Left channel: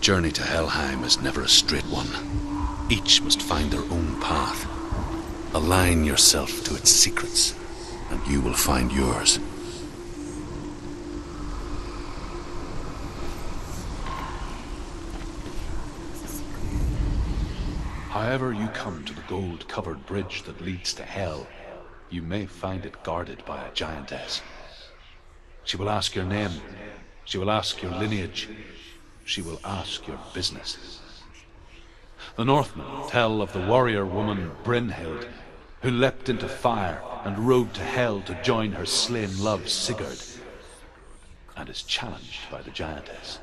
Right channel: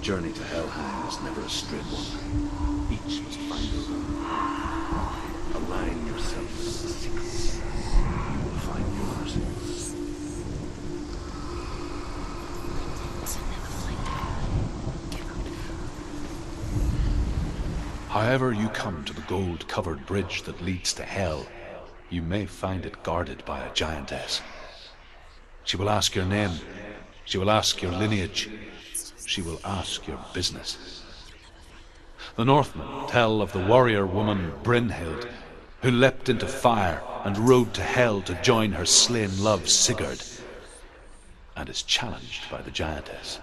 journey to Helheim is never a straight one. Each must find their own path. Align yourself to its secrets, and you will find yours. However you come to the gold-covered bridge that leads to Hell, you may find it guarded by a giantess. She will ask your name. She will ask your lineage. She will ask your business. The Northmen tell of the warrior woman Brynhild, who leapt into fire and rode to Hell to join her slain love Sigurd, and is challenged by the giantess.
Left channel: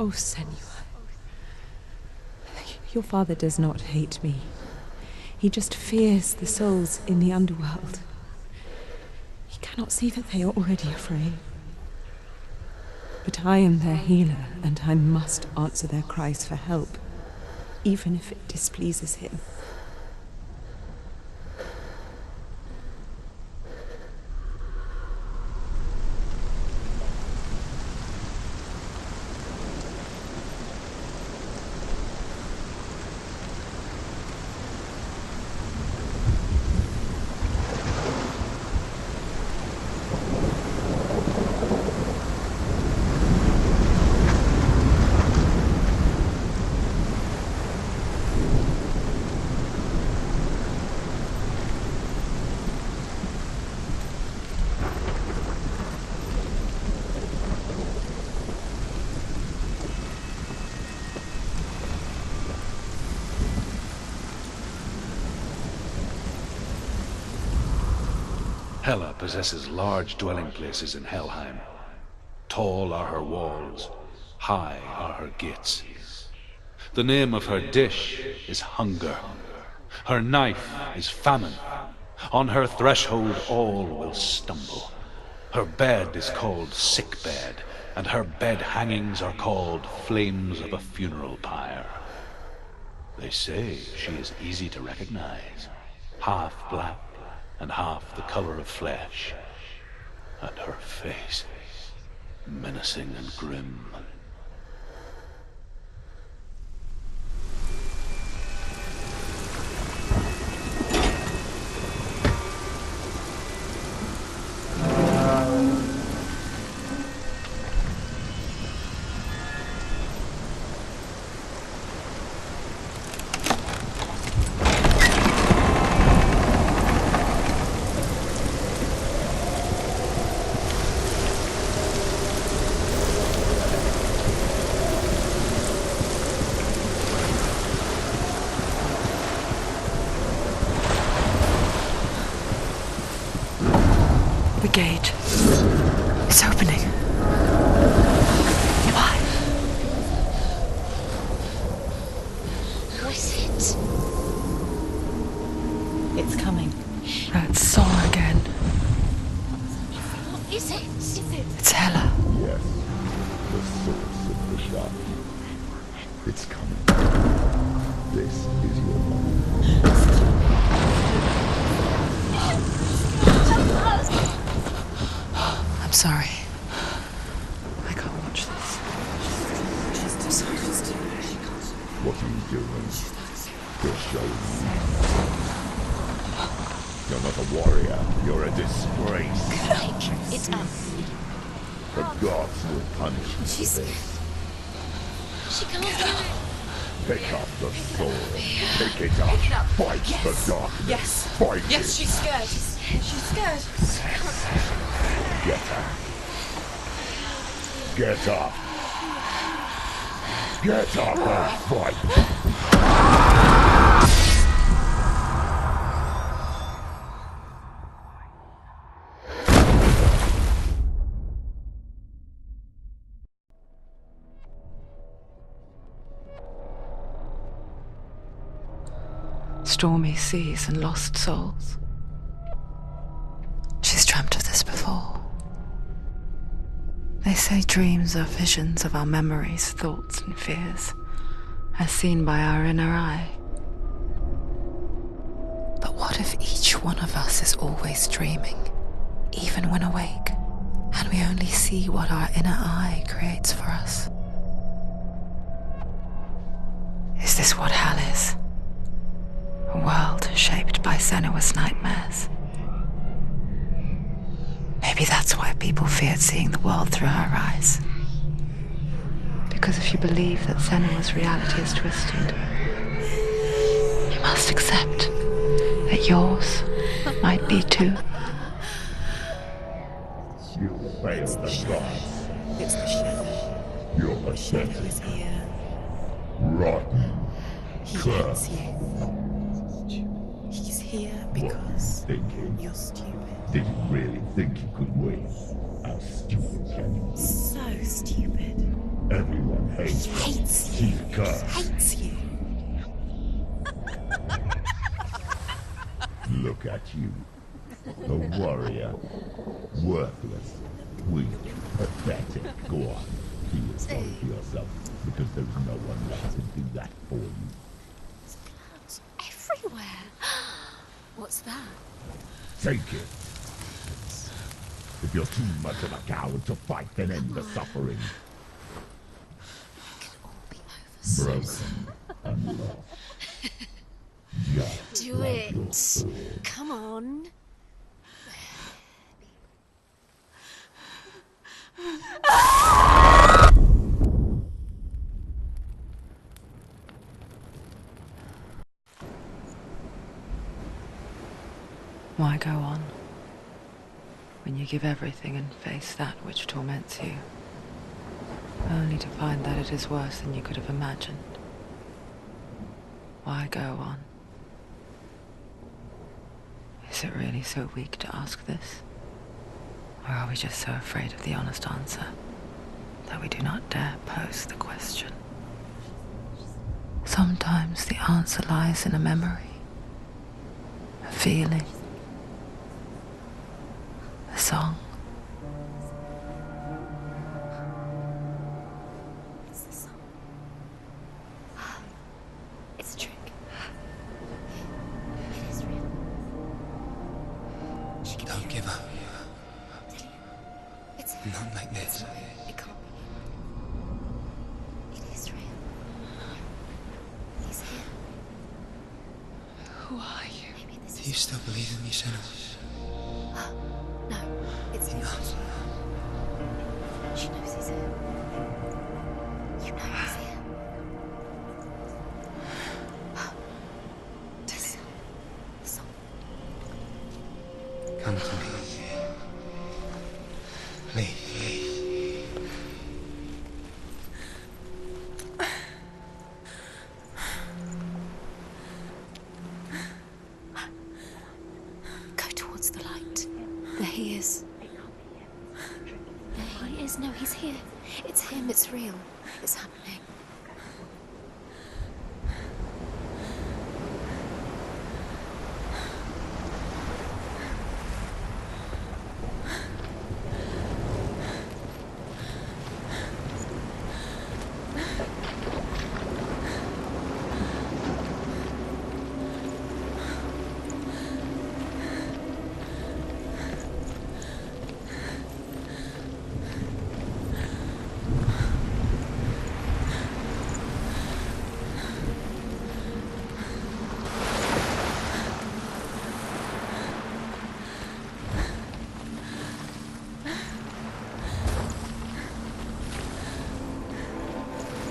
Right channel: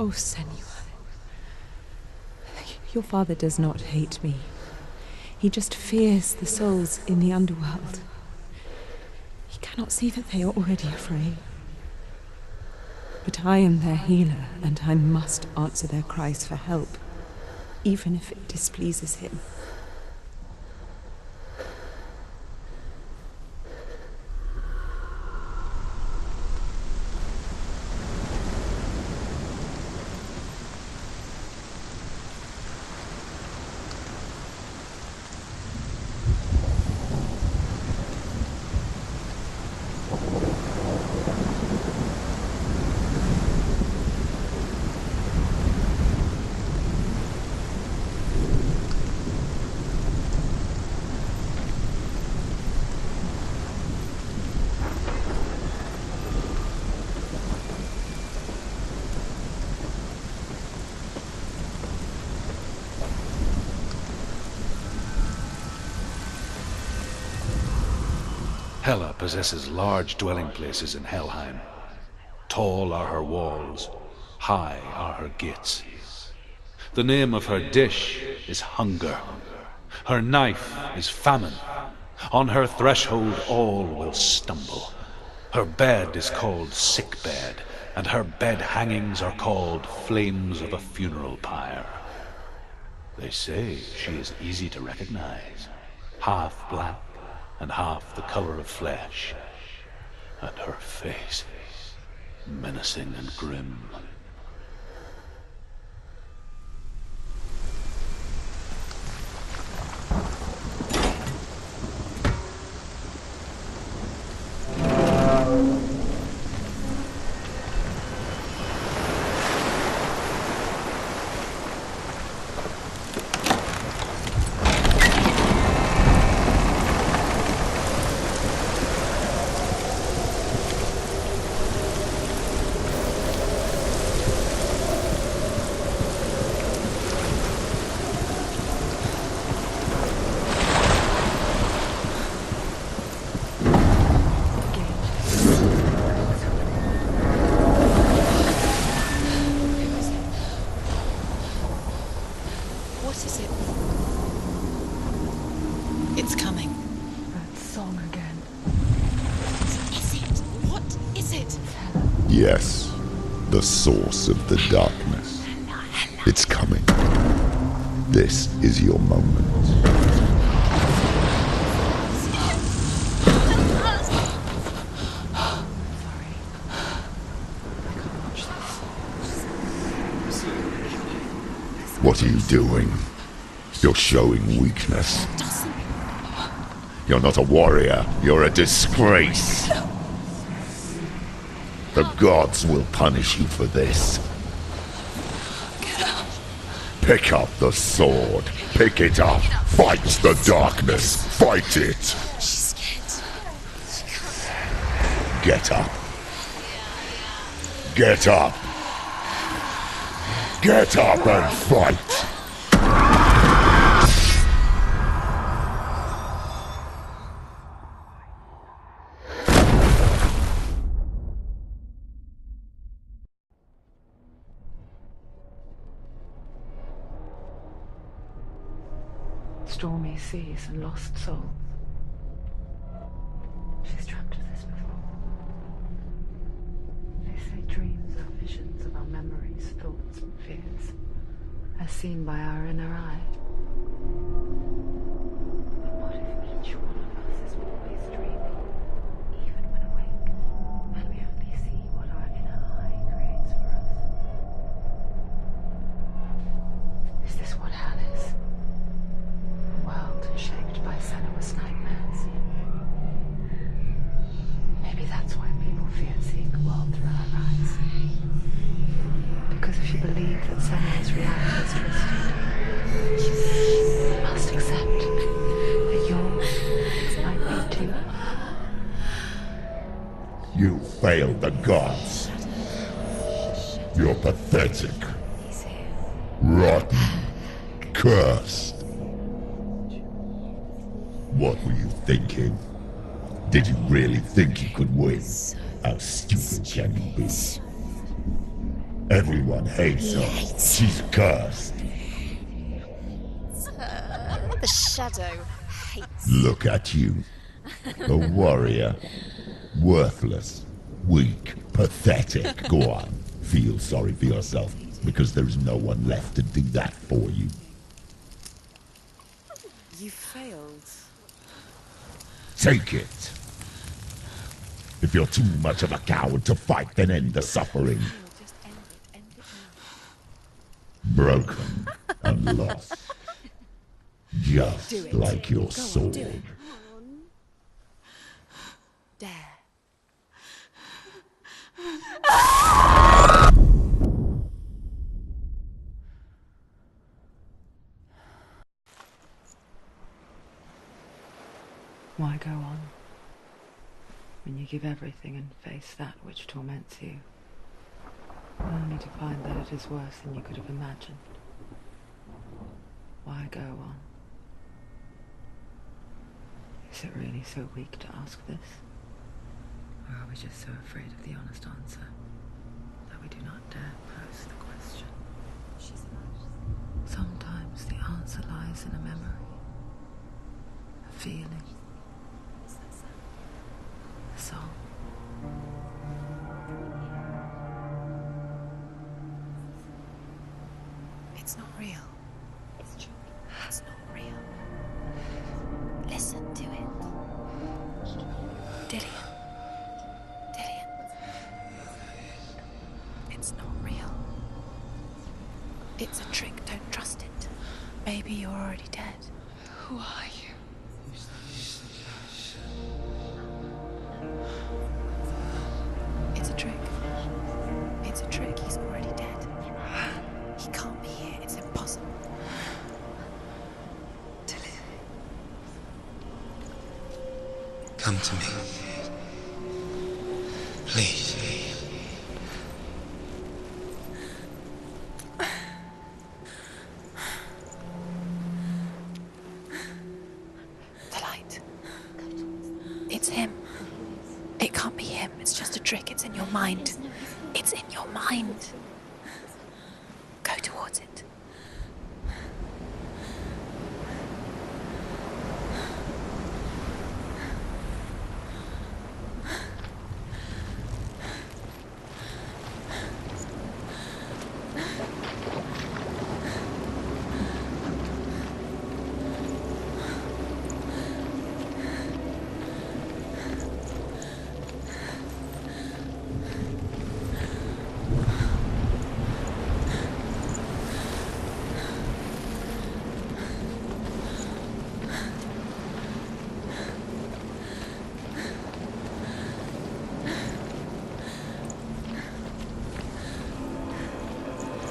Oh, Senua. Your father does not hate me. He just fears the souls in the underworld. He cannot see that they are already afraid. But I am their healer, and I must answer their cries for help, even if it displeases him. Hela possesses large dwelling places in Helheim. Tall are her walls, high are her gates. The name of her dish is hunger. Her knife is famine. On her threshold all will stumble. Her bed is called sick bed, and her bed hangings are called flames of a funeral pyre. They say she is easy to recognize, half black and half the color of flesh, and her face menacing and grim. Yes, the source of the darkness. It's coming. This is your moment. I'm sorry. I can't watch this. What are you doing? You're showing weakness. You're not a warrior. You're a disgrace. The gods will punish you for this. Pick up the sword. Pick it up. Fight the darkness. Fight it. Get up. Get up. Get up and fight. Stormy seas and lost souls. She's dreamt of this before. They say dreams are visions of our memories, thoughts and fears, as seen by our inner eye. But what if each one of us is always dreaming, even when awake, and we only see what our inner eye creates for us? Is this what hell is? A world shaped by Senua's nightmares. Maybe that's why people feared seeing the world through her eyes. Because if you believe that Senua's reality is twisted, you must accept that yours might be too. You failed the gods. You're pathetic. Rotten. Cursed. What were you thinking? Did you really think you could win? How stupid can you be? So stupid. Everyone hates her. She's cursed. The shadow hates. Look at you. A warrior. Worthless. Weak. Pathetic. Go on. Feel sorry for yourself, because there is no one left to do that for you. Everywhere. You failed. What's that? Take it. If you're too much of a coward to fight, then end the suffering. Broken and lost. Just like your sword. Come on. Dare. Why go on when you give everything and face that which torments you, only to find that it is worse than you could have imagined? Why go on Is it really so weak to ask this? Or are we just so afraid of the honest answer that we do not dare pose the question? Sometimes the answer lies in a memory, a feeling, a song. It's not real. It's a trick. It's not real. It is real. Listen to it. She can Don't give up. Dillian. It's Not like this. It can't. It's not real. It is real. It's a trick. Don't trust it. Maybe you're already dead. Who are you? Do you still believe in me, Senua? No, it's him. It's a trick. She knows it's him. It's a trick. He's already dead. You know it's him. He can't be here. It's impossible. Dillian. Come to me. Please. The light. Go towards the light. It's him. There he is. It can't be him. It's just a trick. It's in your mind. No, he's here. It's in your mind. It's real. It's happening. Go towards it.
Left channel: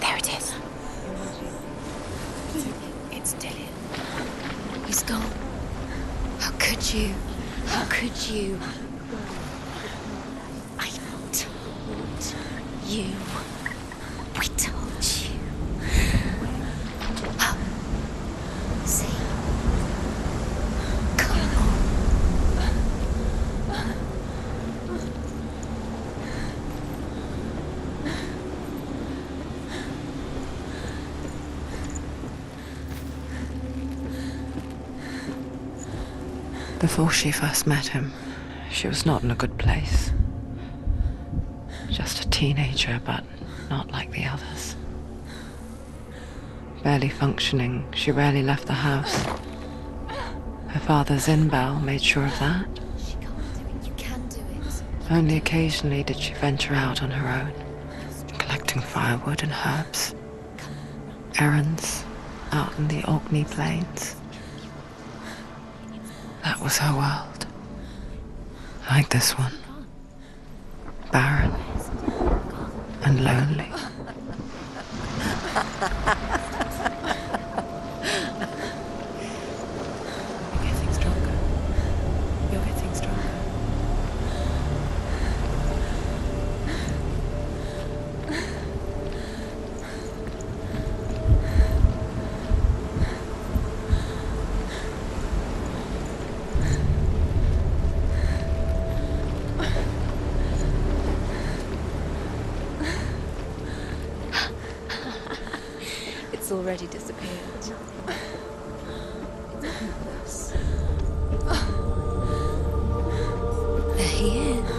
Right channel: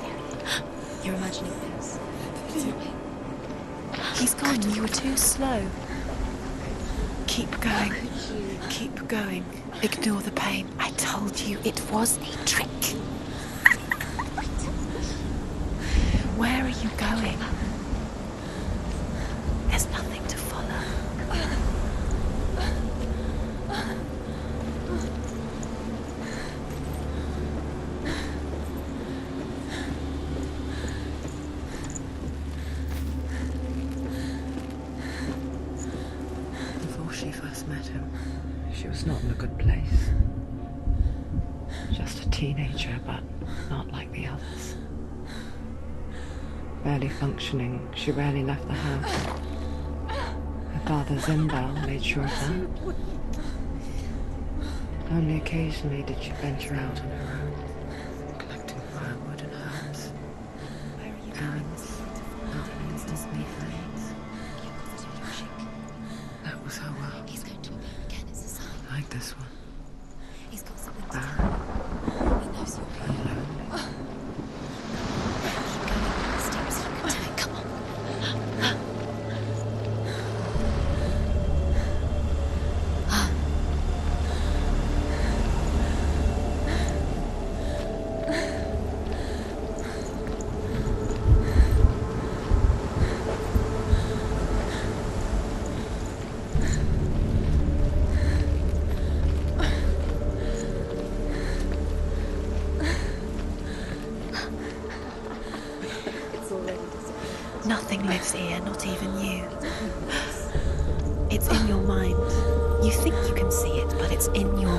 There it is. You're imagining this. It's Dillian. He's gone. You were so slow. How could you? Keep going. How could you? Keep going. Ignore the pain. I told you it was to trick you. I told you. Where are you going? See, there's nothing to follow. Come on. Before she first met him, she was not in a good place. Just a teenager, but not like the others. Barely functioning, she rarely left the house. Her father's in-bell made sure of that. You can do it. Only occasionally did she venture out on her own, collecting firewood and herbs. Errands out in the Orkney Plains. That was her world. Like this one. Barren and lonely. It's already disappeared. Nothing lives here, not even you. It's in your mind. You think you can see it, but it's in your mind.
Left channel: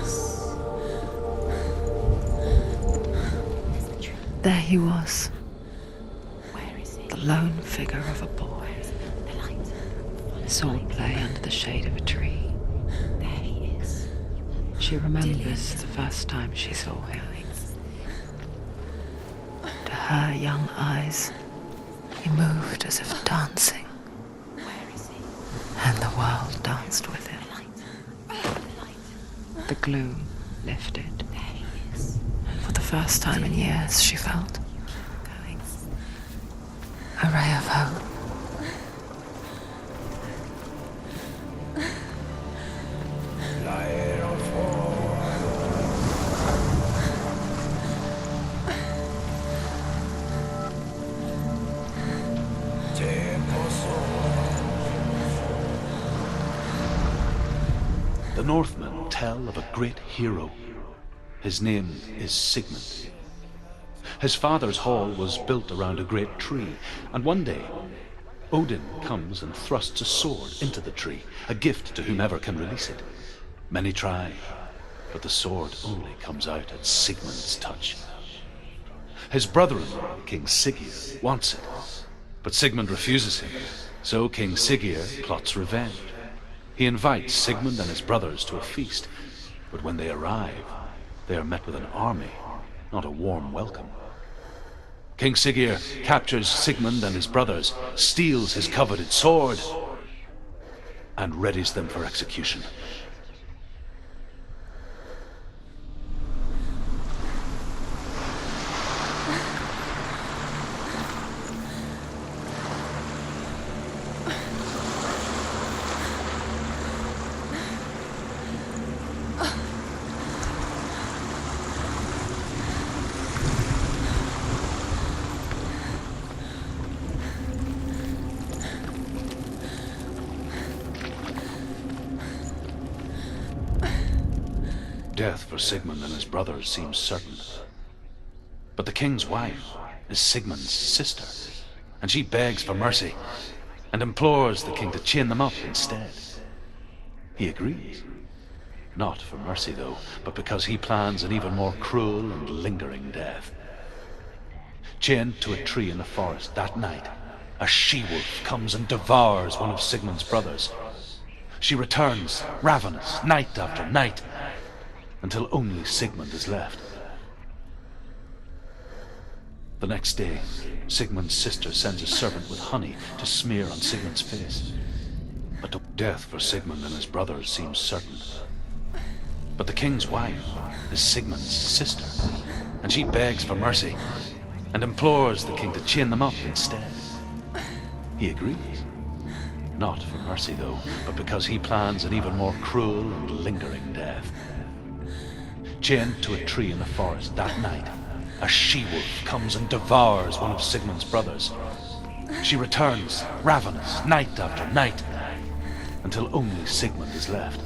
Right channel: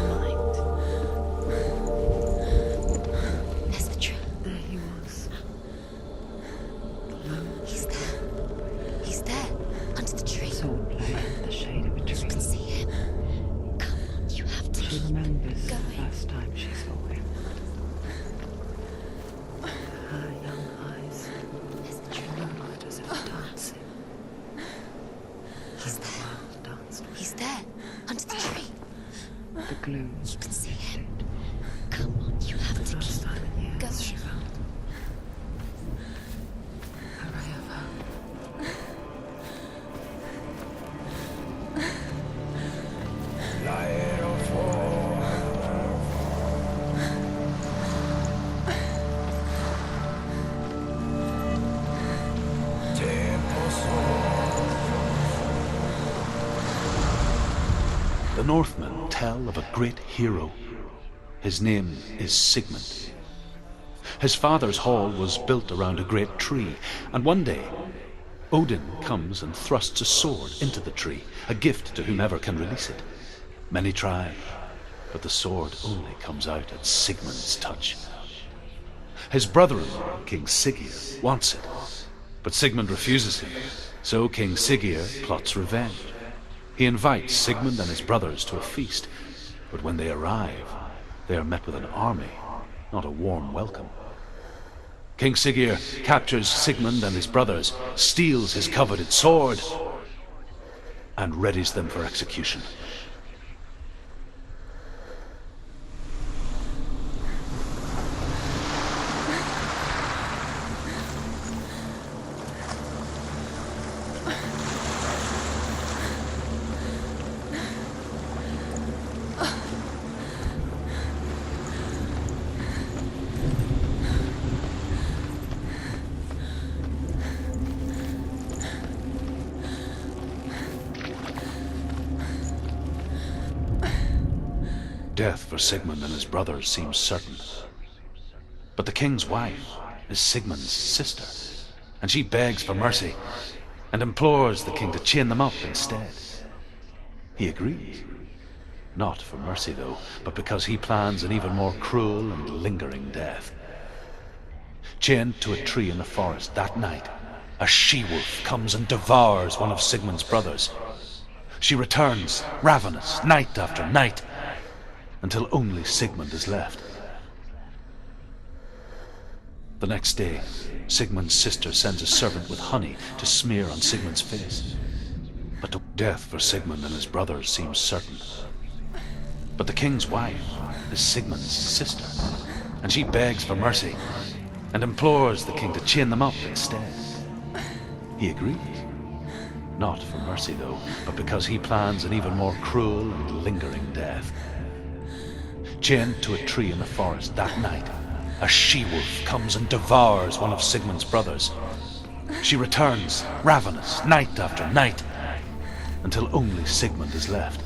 There's the tree. There he was, Where is he? the lone figure of a boy. He's there, under the tree. His all play under the shade of a tree. See him. There he is. You have to. She remembers the first time she saw him. To her young eyes, he moved as if dancing, and the world danced with him. There, under the tree. The gloom lifted. For the first time in years, she felt a ray of hope. tell of a great hero. His name is Sigmund. His father's hall was built around a great tree, and one day Odin comes and thrusts a sword into the tree, a gift to whomever can release it. Many try, but the sword only comes out at Sigmund's touch. His brother-in-law, King Siggeir, wants it, but Sigmund refuses him, so King Siggeir plots revenge. He invites Sigmund and his brothers to a feast, but when they arrive, they are met with an army, not a warm welcome. King Siggeir captures Sigmund and his brothers, steals his coveted sword, and readies them for execution. Death for Sigmund and his brothers seems certain. But the king's wife is Sigmund's sister, and she begs for mercy and implores the king to chain them up instead. He agrees. Not for mercy, though, but because he plans an even more cruel and lingering death. Chained to a tree in the forest that night, a she-wolf comes and devours one of Sigmund's brothers. She returns, ravenous, night after night, until only Sigmund is left. The next day, Sigmund's sister sends a servant with honey to smear on Sigmund's face. But death for Sigmund and his brothers seems certain. But the king's wife is Sigmund's sister, and she begs for mercy and implores the king to chain them up instead. He agrees. Not for mercy, though, but because he plans an even more cruel and lingering death. Chained to a tree in the forest that night, a she-wolf comes and devours one of Sigmund's brothers. She returns, ravenous, night after night, until only Sigmund is left.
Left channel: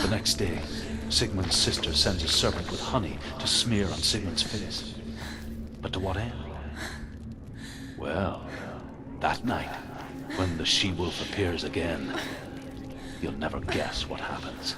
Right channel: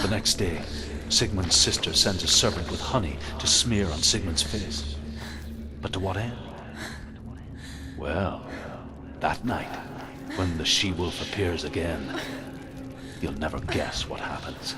The next day, Sigmund's sister sends a servant with honey to smear on Sigmund's face. But to what end? Well, that night, when the she-wolf appears again, you'll never guess what happens.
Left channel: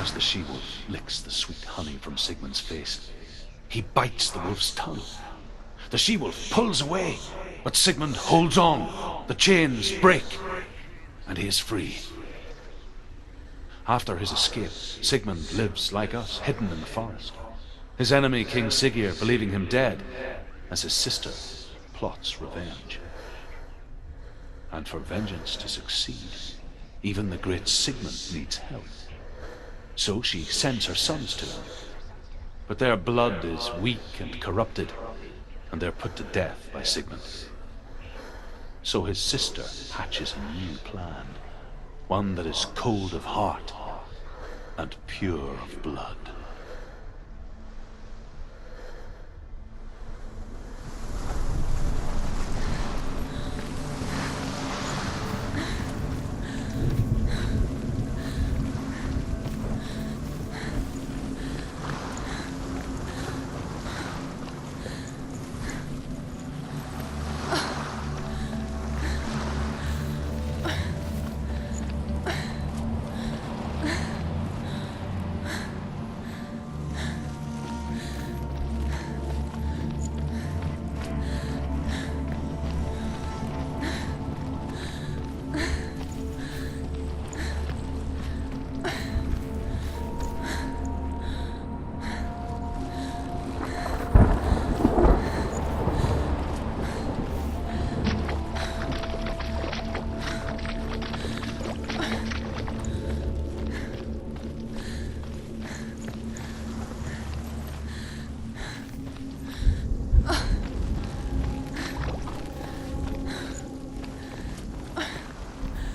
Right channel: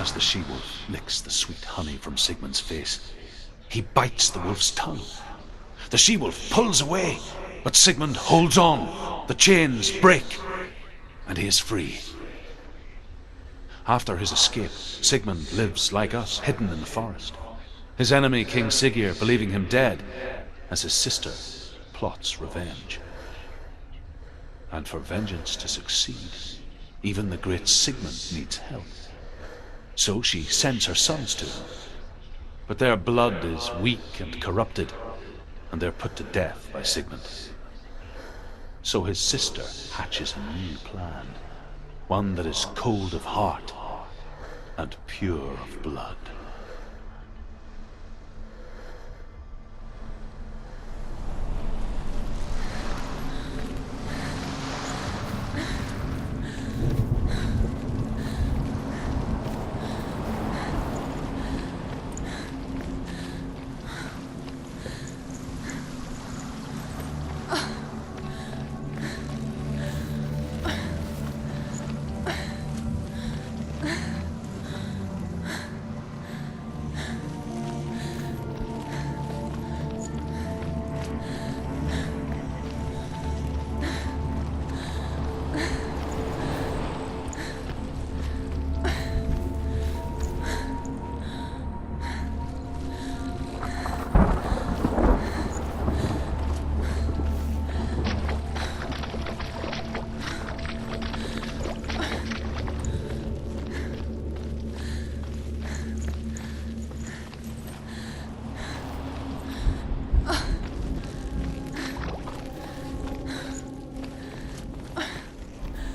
As the she-wolf licks the sweet honey from Sigmund's face, he bites the wolf's tongue. The she-wolf pulls away, but Sigmund holds on. The chains break, and he is free. After his escape, Sigmund lives like us, hidden in the forest. His enemy, King Siggeir, believing him dead, as his sister plots revenge. And for vengeance to succeed, Even the great Sigmund needs help. So she sends her sons to him. But their blood is weak and corrupted, and they're put to death by Sigmund. So his sister hatches a new plan, one that is cold of heart and pure of blood.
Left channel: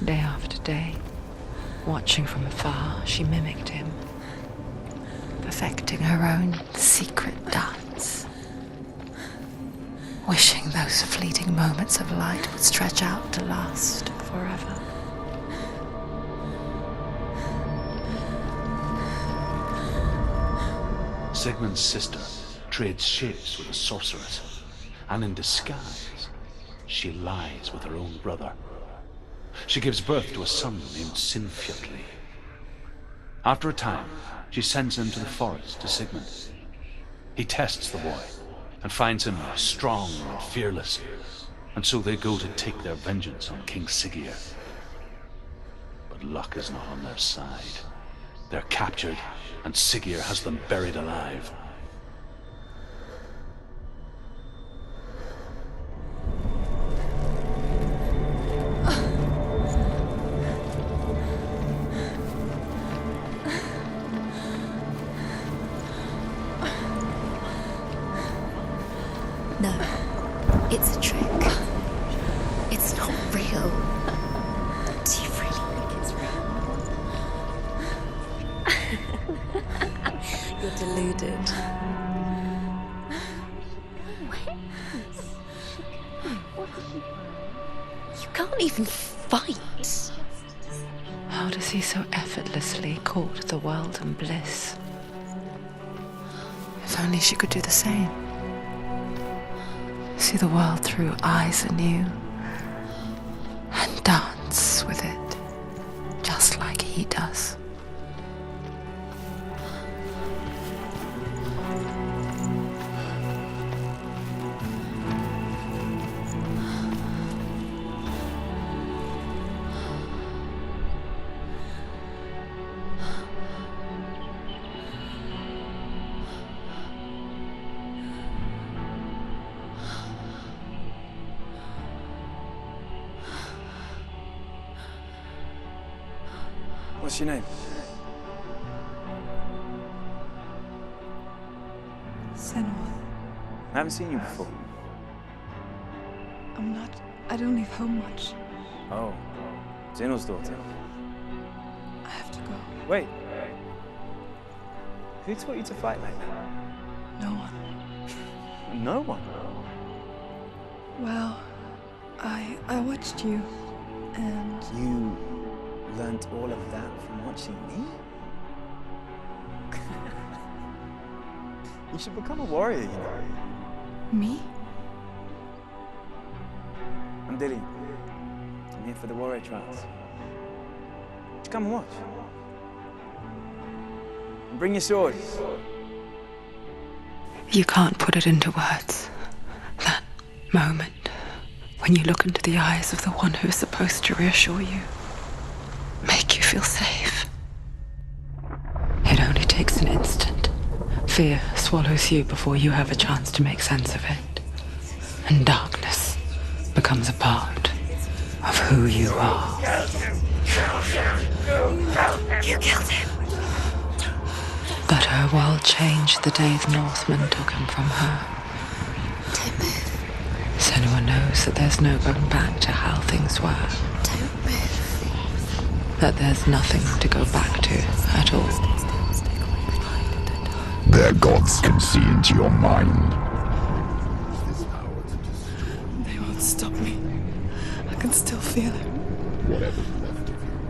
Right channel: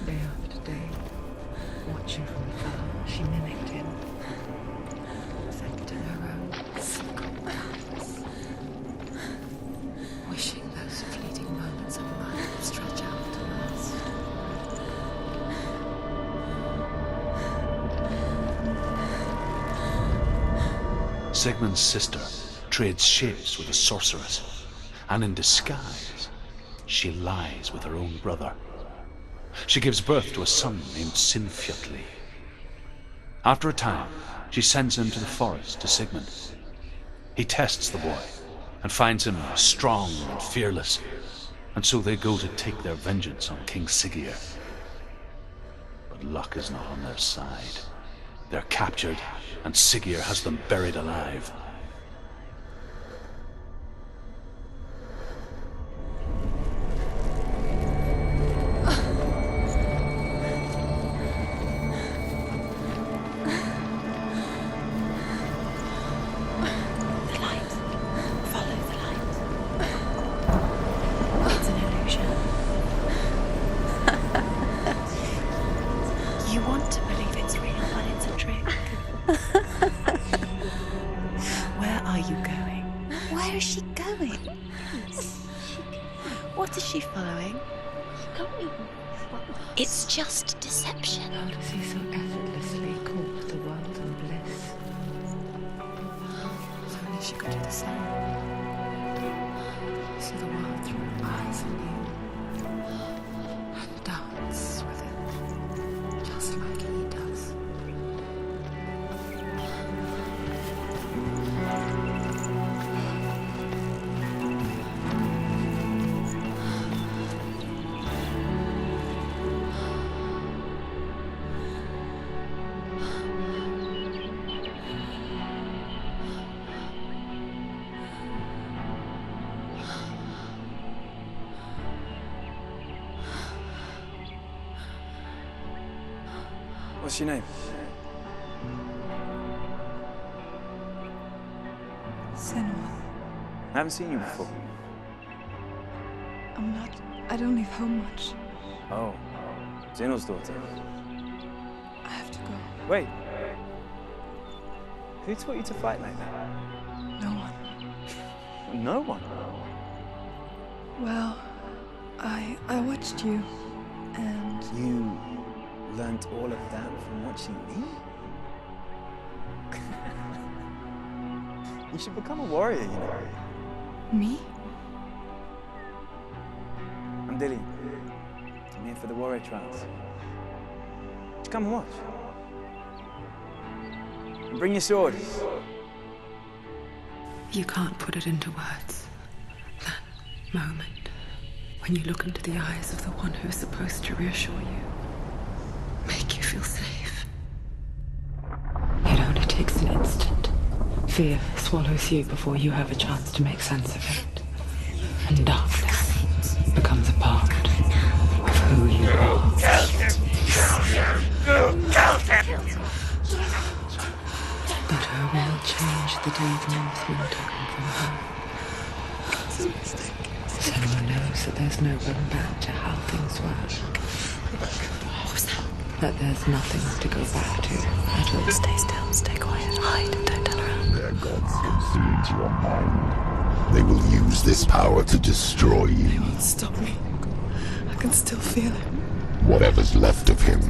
Day after day, watching from afar, she mimicked him, perfecting her own secret dance, wishing those fleeting moments of light would stretch out to last forever. Sigmund's sister trades shapes with a sorceress, and in disguise, she lies with her own brother. She gives birth to a son named Sinfjotli. After a time, she sends him to the forest to Sigmund. He tests the boy and finds him strong and fearless, and so they go to take their vengeance on King Siggeir. But luck is not on their side. They're captured, and Siggeir has them buried alive. What is she following? You can't even fight. It's just deception. How does he so effortlessly court the world and bliss? If only she could do the same. See the world through eyes anew and dance with it, just like he does. What's your name? Senua. I haven't seen you before. I don't leave home much. Oh, Zenua's daughter. I have to go. Wait. Who taught you to fight like that? No one. No one? Well, I watched you, and... You learned all of that from watching me? You should become a warrior, you know. Me? I'm Dillian. I'm here for the warrior trials. Just come and watch. And bring your sword. You can't put it into words. That moment when you look into the eyes of the one who is supposed to reassure you, make you feel safe. It only takes an instant. Fear swallows you before you have a chance to make sense of it. And darkness becomes a part of who you are. killed him. But her world changed the day the Northmen took him from her. Senua knows that there's no going back to how things were. That there's nothing to go back to at all. Stay still, stay quiet, hide, don't tell her. Their gods can see into your mind. They will use this power to destroy you. They won't stop me. I can still feel him. Whatever's left of him,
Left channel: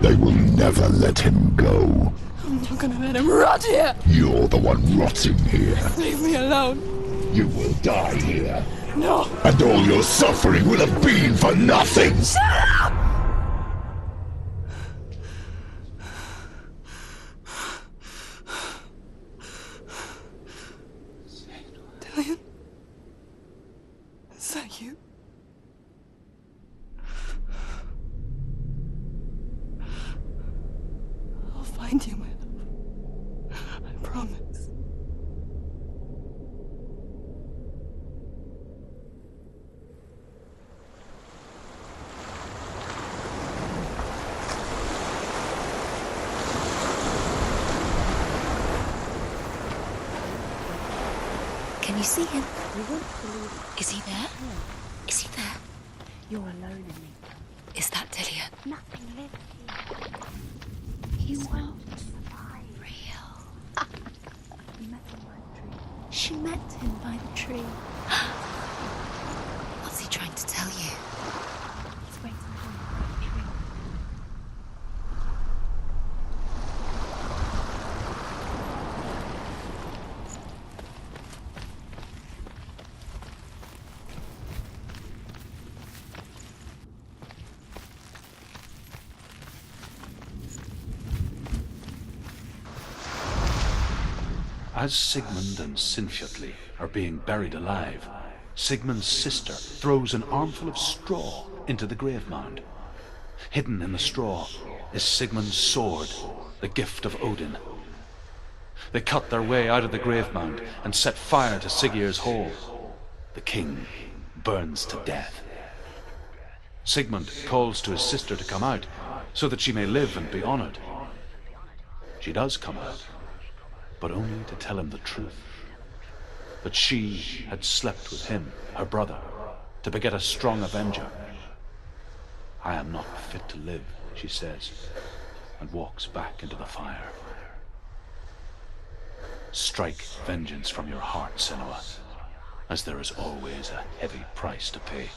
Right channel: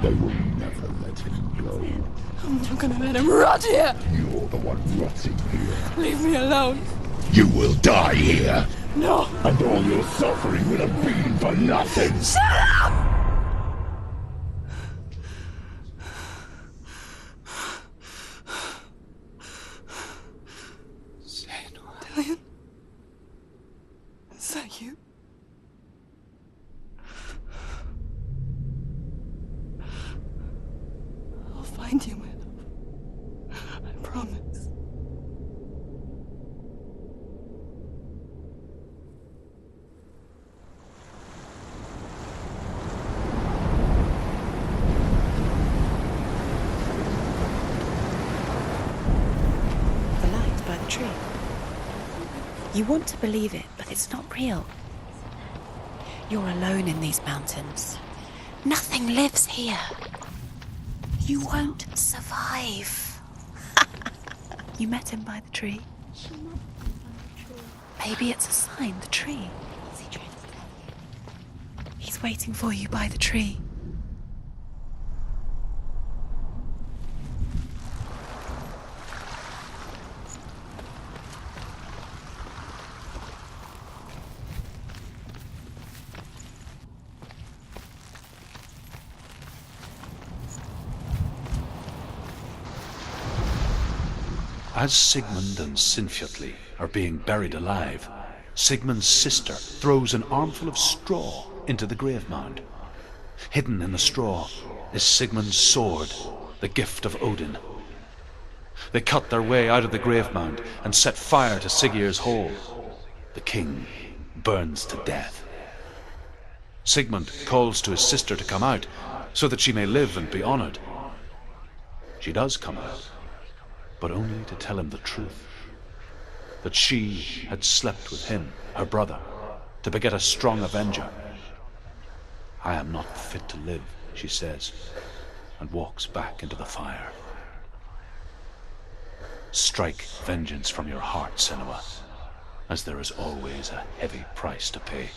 they will never let him go. I'm not gonna let him rot here. You're the one rotting here. Leave me alone. You will die here. No. And all your suffering will have been for nothing. Shut up! Dillion? Is that you? I'll find you, my love. I promise. Can you see him? You want to believe it, because he's not real. Is he there? You're alone in these mountains. Is that Dillion? Nothing lives here. You won't survive. You met him by the tree. She met him by the tree. Maybe it's a sign, the tree. What's he trying to tell you? He's waiting for you by the tree. As Sigmund and Sinfjotli are being buried alive, Sigmund's sister throws an armful of straw into the grave mound. Hidden in the straw is Sigmund's sword, the gift of Odin. They cut their way out of the grave mound and set fire to Siggeir's hall. The king burns to death. Sigmund calls to his sister to come out so that she may live and be honored. She does come out, but only to tell him the truth. That she had slept with him, her brother, to beget a strong avenger. I am not fit to live, she says, and walks back into the fire. Strike vengeance from your heart, Senua, as there is always a heavy price to pay.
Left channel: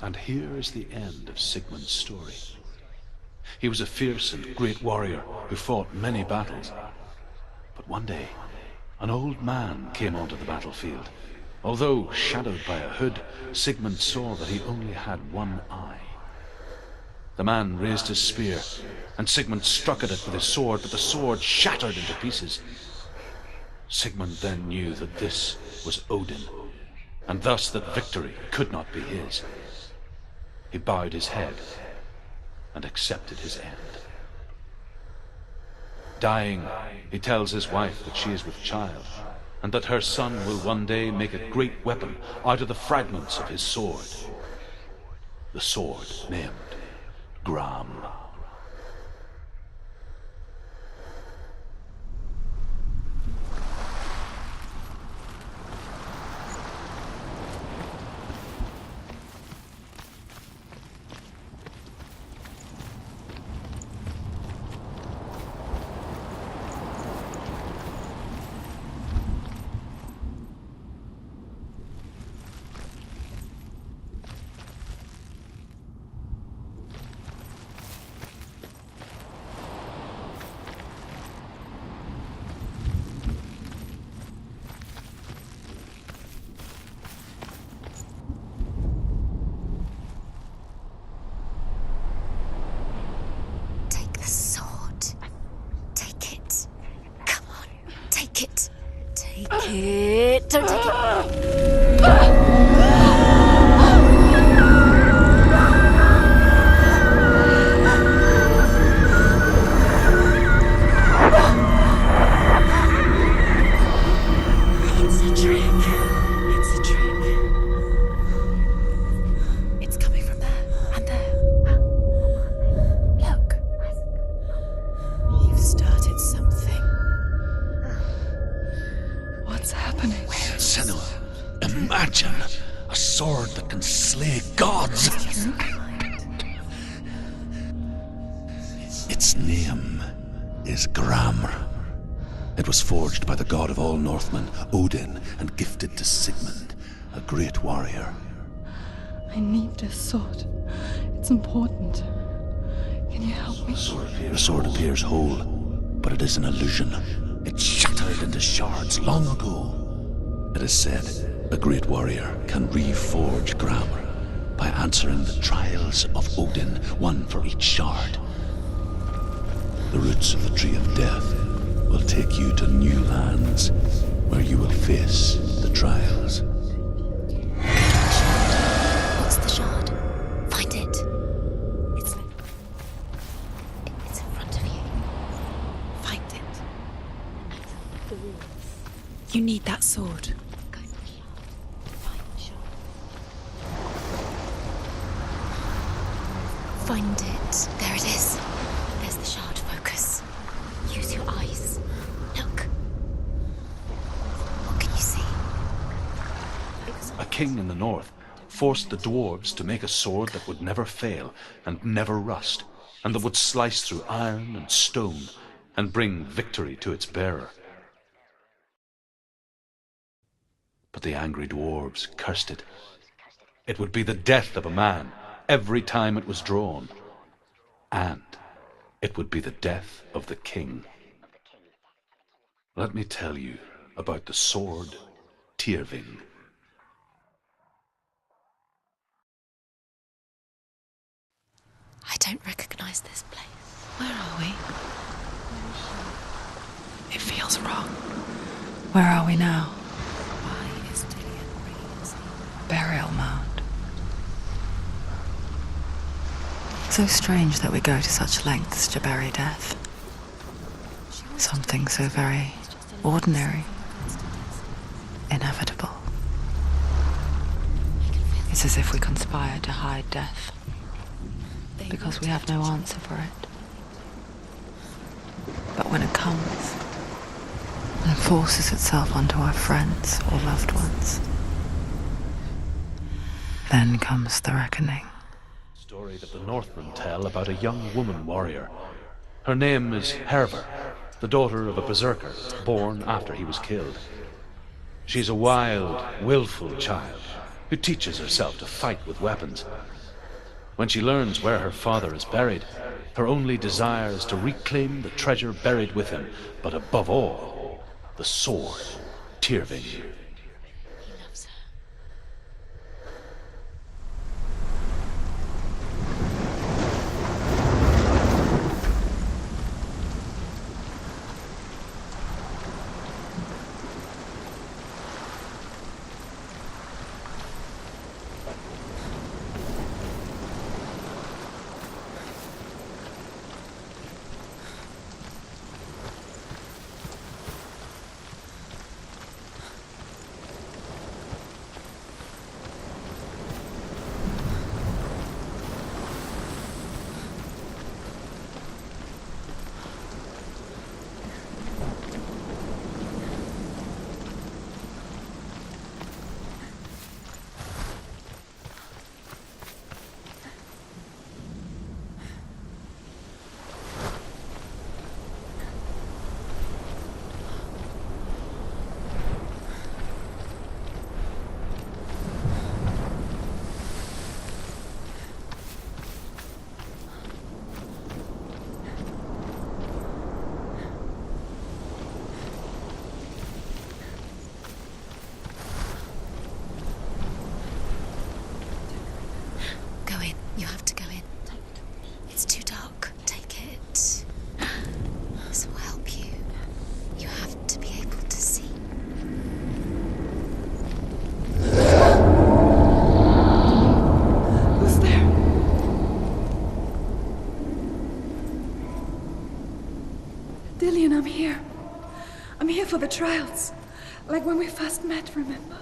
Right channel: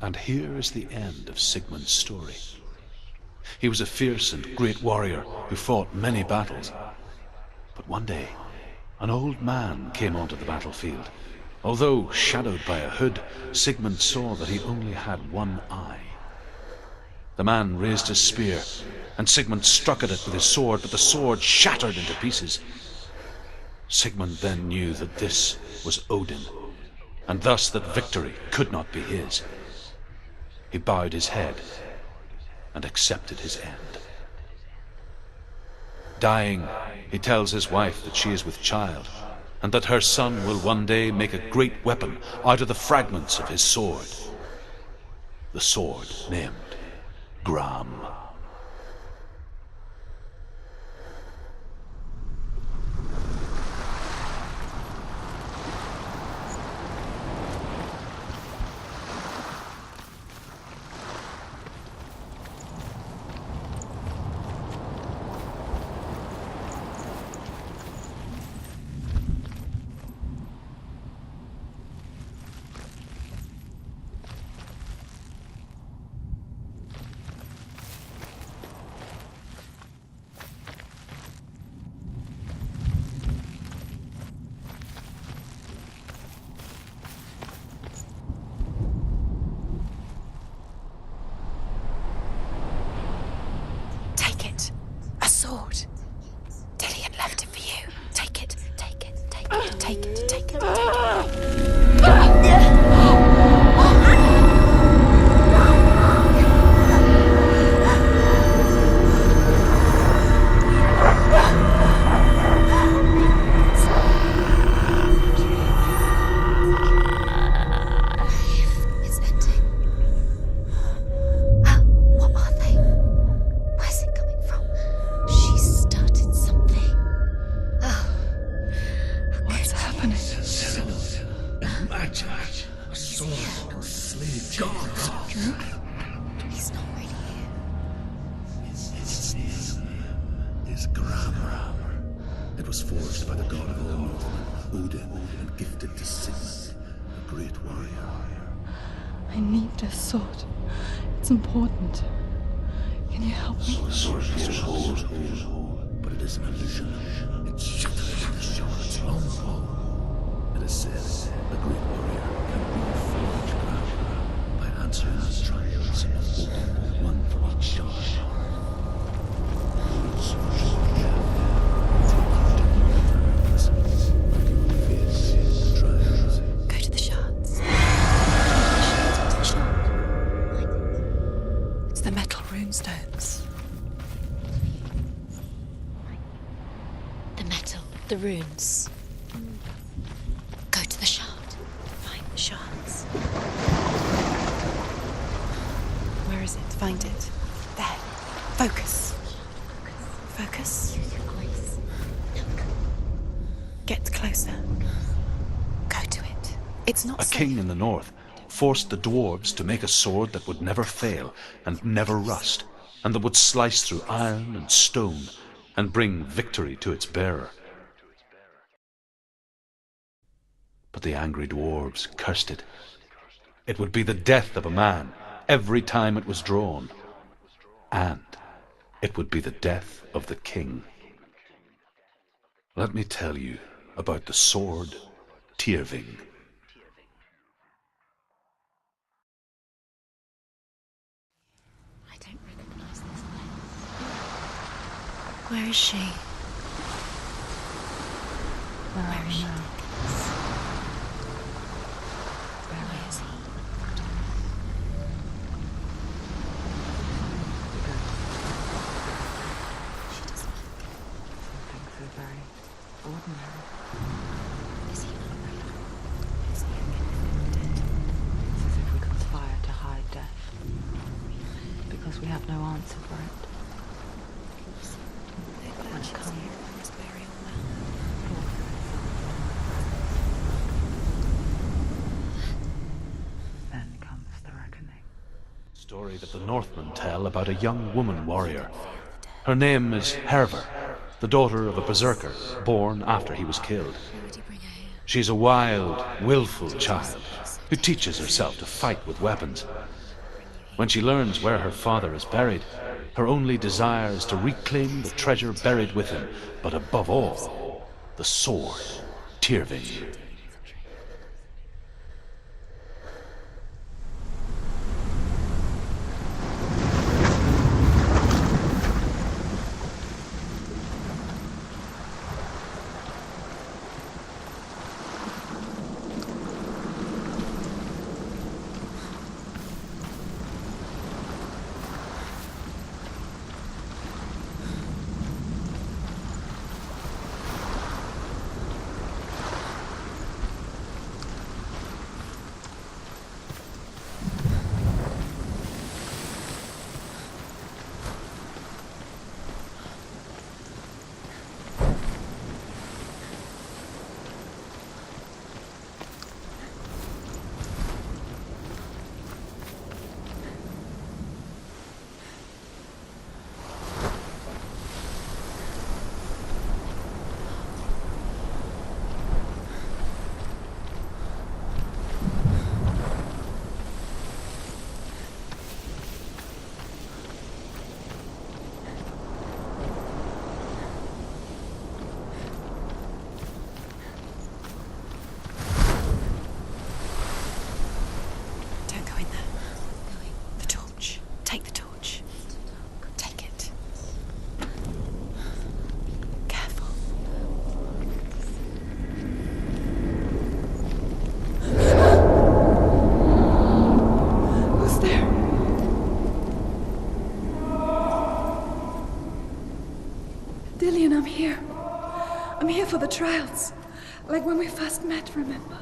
And here is the end of Sigmund's story. He was a fierce and great warrior who fought many battles. But one day, an old man came onto the battlefield. Although shadowed by a hood, Sigmund saw that he only had one eye. The man raised his spear, and Sigmund struck at it with his sword, but the sword shattered into pieces. Sigmund then knew that this was Odin, and thus that victory could not be his. He bowed his head and accepted his end. Dying, he tells his wife that she is with child, and that her son will one day make a great weapon out of the fragments of his sword. The sword named Gram. Take it. Take it. Take it. Take it. Don't take it. It's a trick. It's a trick. It's ending. It's coming from there and there. Oh, what are they? Look. Where's it coming from? She started something. Oh. What's happening? Senua, imagine a sword that can slay gods. True? Its name is Gramr. It was forged by the god of all Northmen, Odin, and gifted to Sigmund, a great warrior. I need this sword. It's important. Can you help me? The sword appears whole, but it is an illusion. It shattered into shards long ago. It is said a great warrior can reforge Gramr by answering the trials of Odin, one for each shard. The roots of the Tree of Death will take you to new lands, where you will face the trials. Go to the shards. What's the shard? Find it. It's the metal runestones. It's in front of you. Find it. The metal. The runes. You need that sword. Go to the shard. Find the shards. Where is it? Find it. There it is. Focus. There's the shard. Focus. Focus. Use your eyes. Look. Get closer. What can you see? Go to it. It's not A king in the north forced the dwarves to make a sword that would never fail and never rust, and that would slice through iron and stone and bring victory to its bearer. But the angry dwarves cursed it. It would be the death of a man every time it was drawn, and it would be the death of the king. Let me tell you about the sword Tyrving. I don't recognize this place. Where are we? Where is she? It feels wrong. Where are we now? Burial mound. So strange that we go to such lengths to bury death. Something so very ordinary, inevitable. It's as if we conspire to hide death, because we have no answer for it. But when it comes, and forces itself onto our friends or loved ones, then comes the reckoning. Story that the Northmen tell about a young woman warrior. Her name is Hervor, the daughter of a berserker born after he was killed. She's a wild, willful child who teaches herself to fight with weapons. When she learns where her father is buried, her only desire is to reclaim the treasure buried with him, but above all, the sword, Tyrving. I'm here. I'm here for the trials. Like when we first met, remember?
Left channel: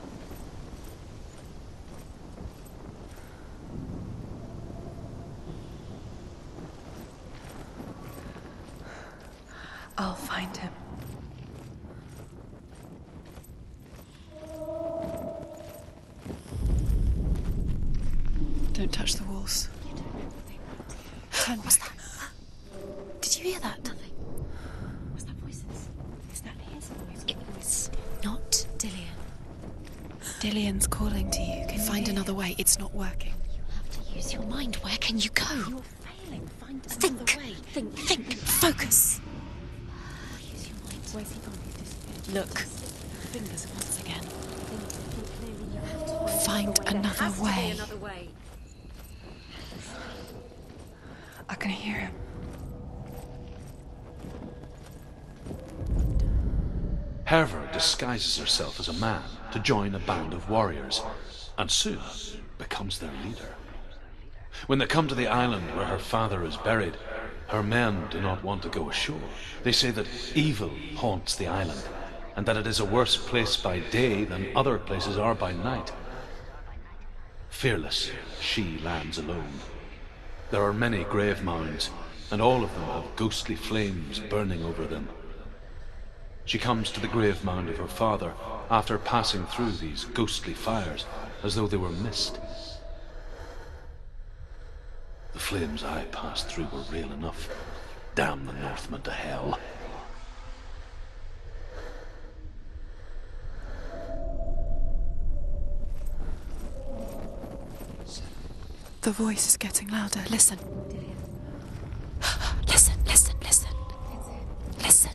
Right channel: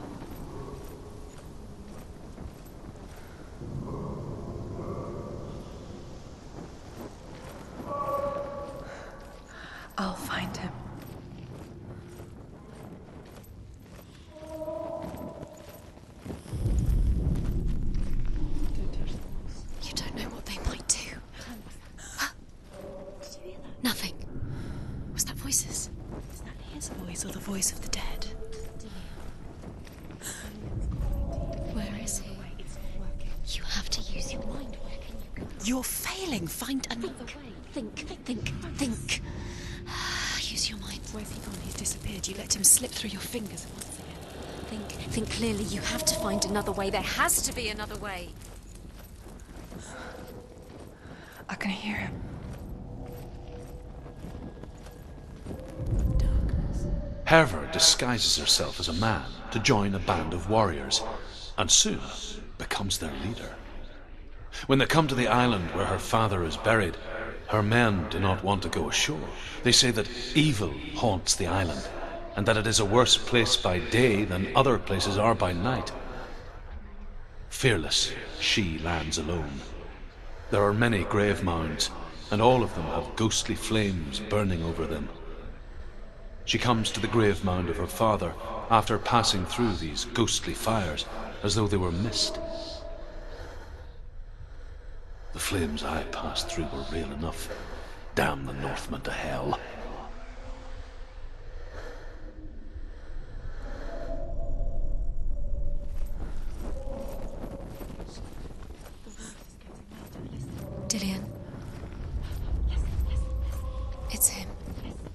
I'll find him. Don't touch the walls. You don't know what they might do. What's that? Did you hear that? Nothing. Was that voices? Is that his voice or the voice of the dead? Not Dillian. Dillian's calling to you. Can you Find listen? another way. It's not working. You have to use your mind. Where can you go? You're failing. Find another way. Think. Focus. Use your mind. Where's he gone? He's disappeared. You let him slip through your fingers once again. Think clearly. You have to find another way. There has to be another way. I can hear him. Herver disguises herself as a man to join a band of warriors, and soon becomes their leader. When they come to the island where her father is buried, her men do not want to go ashore. They say that evil haunts the island, and that it is a worse place by day than other places are by night. Fearless, she lands alone. There are many grave mounds, and all of them have ghostly flames burning over them. She comes to the grave mound of her father after passing through these ghostly fires as though they were mist. The flames I passed through were real enough. Damn the Northmen to hell. The voice is getting louder. Listen. Dillian. Listen. It's him. Listen.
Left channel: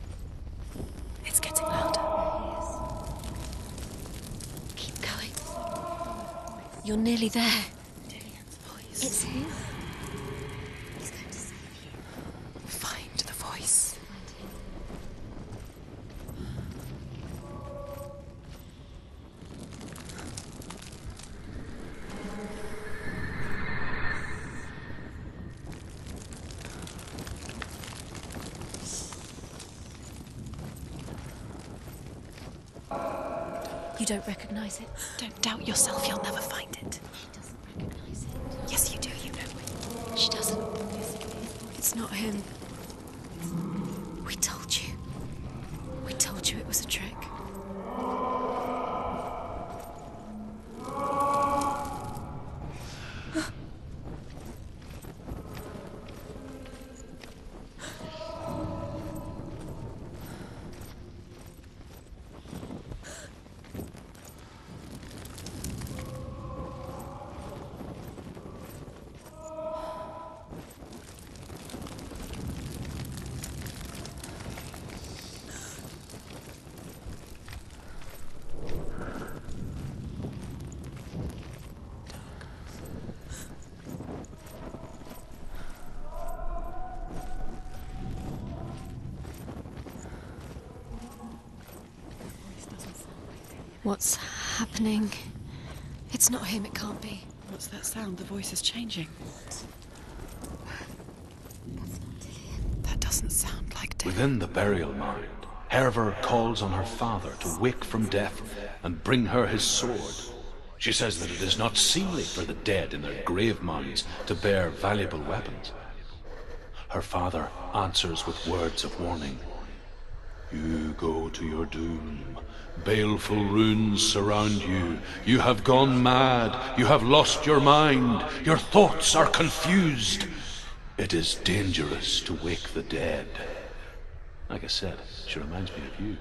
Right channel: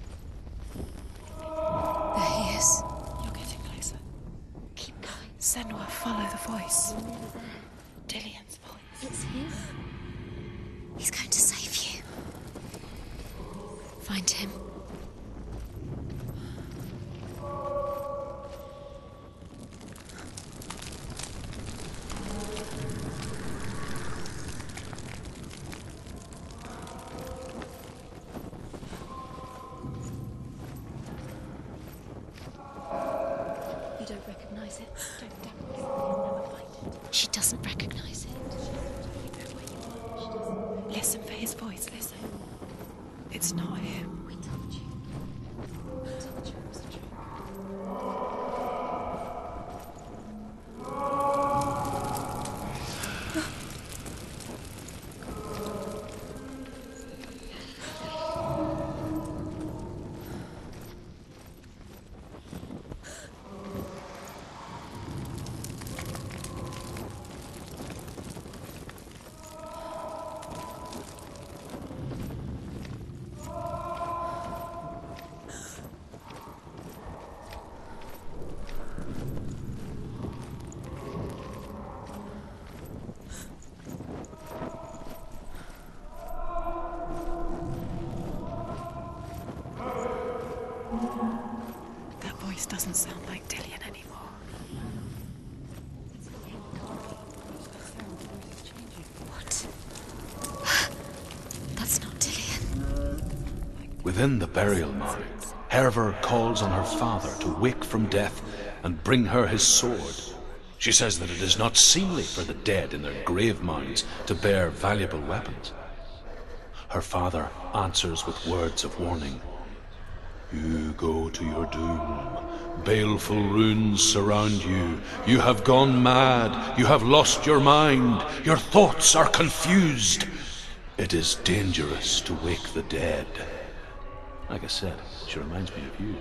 It's getting louder. There he is. You're getting closer. Keep going. Senua, follow the voice. You're nearly there. Dillian's voice. It's him. He's going to save you. Find the voice. Find him. You don't recognize it? Don't doubt yourself. You'll never find it. She doesn't recognize it. Yes, you do. You know it. She doesn't. Listen for his voice. Not him. It's not him. We told you. We told you it was a trick. That voice doesn't sound like Dillian What's happening? It's not him, it can't be. What's that sound? The voice is changing. What? That's not Dillian. That doesn't sound like Dillian. Within the burial mound, Herver calls on her father to wake from death and bring her his sword. She says that it is not seemly for the dead in their grave mounds to bear valuable weapons. Her father answers with words of warning. You go to your doom. Baleful runes surround you. You have gone mad. You have lost your mind. Your thoughts are confused. It is dangerous to wake the dead. Like I said, she reminds me of you.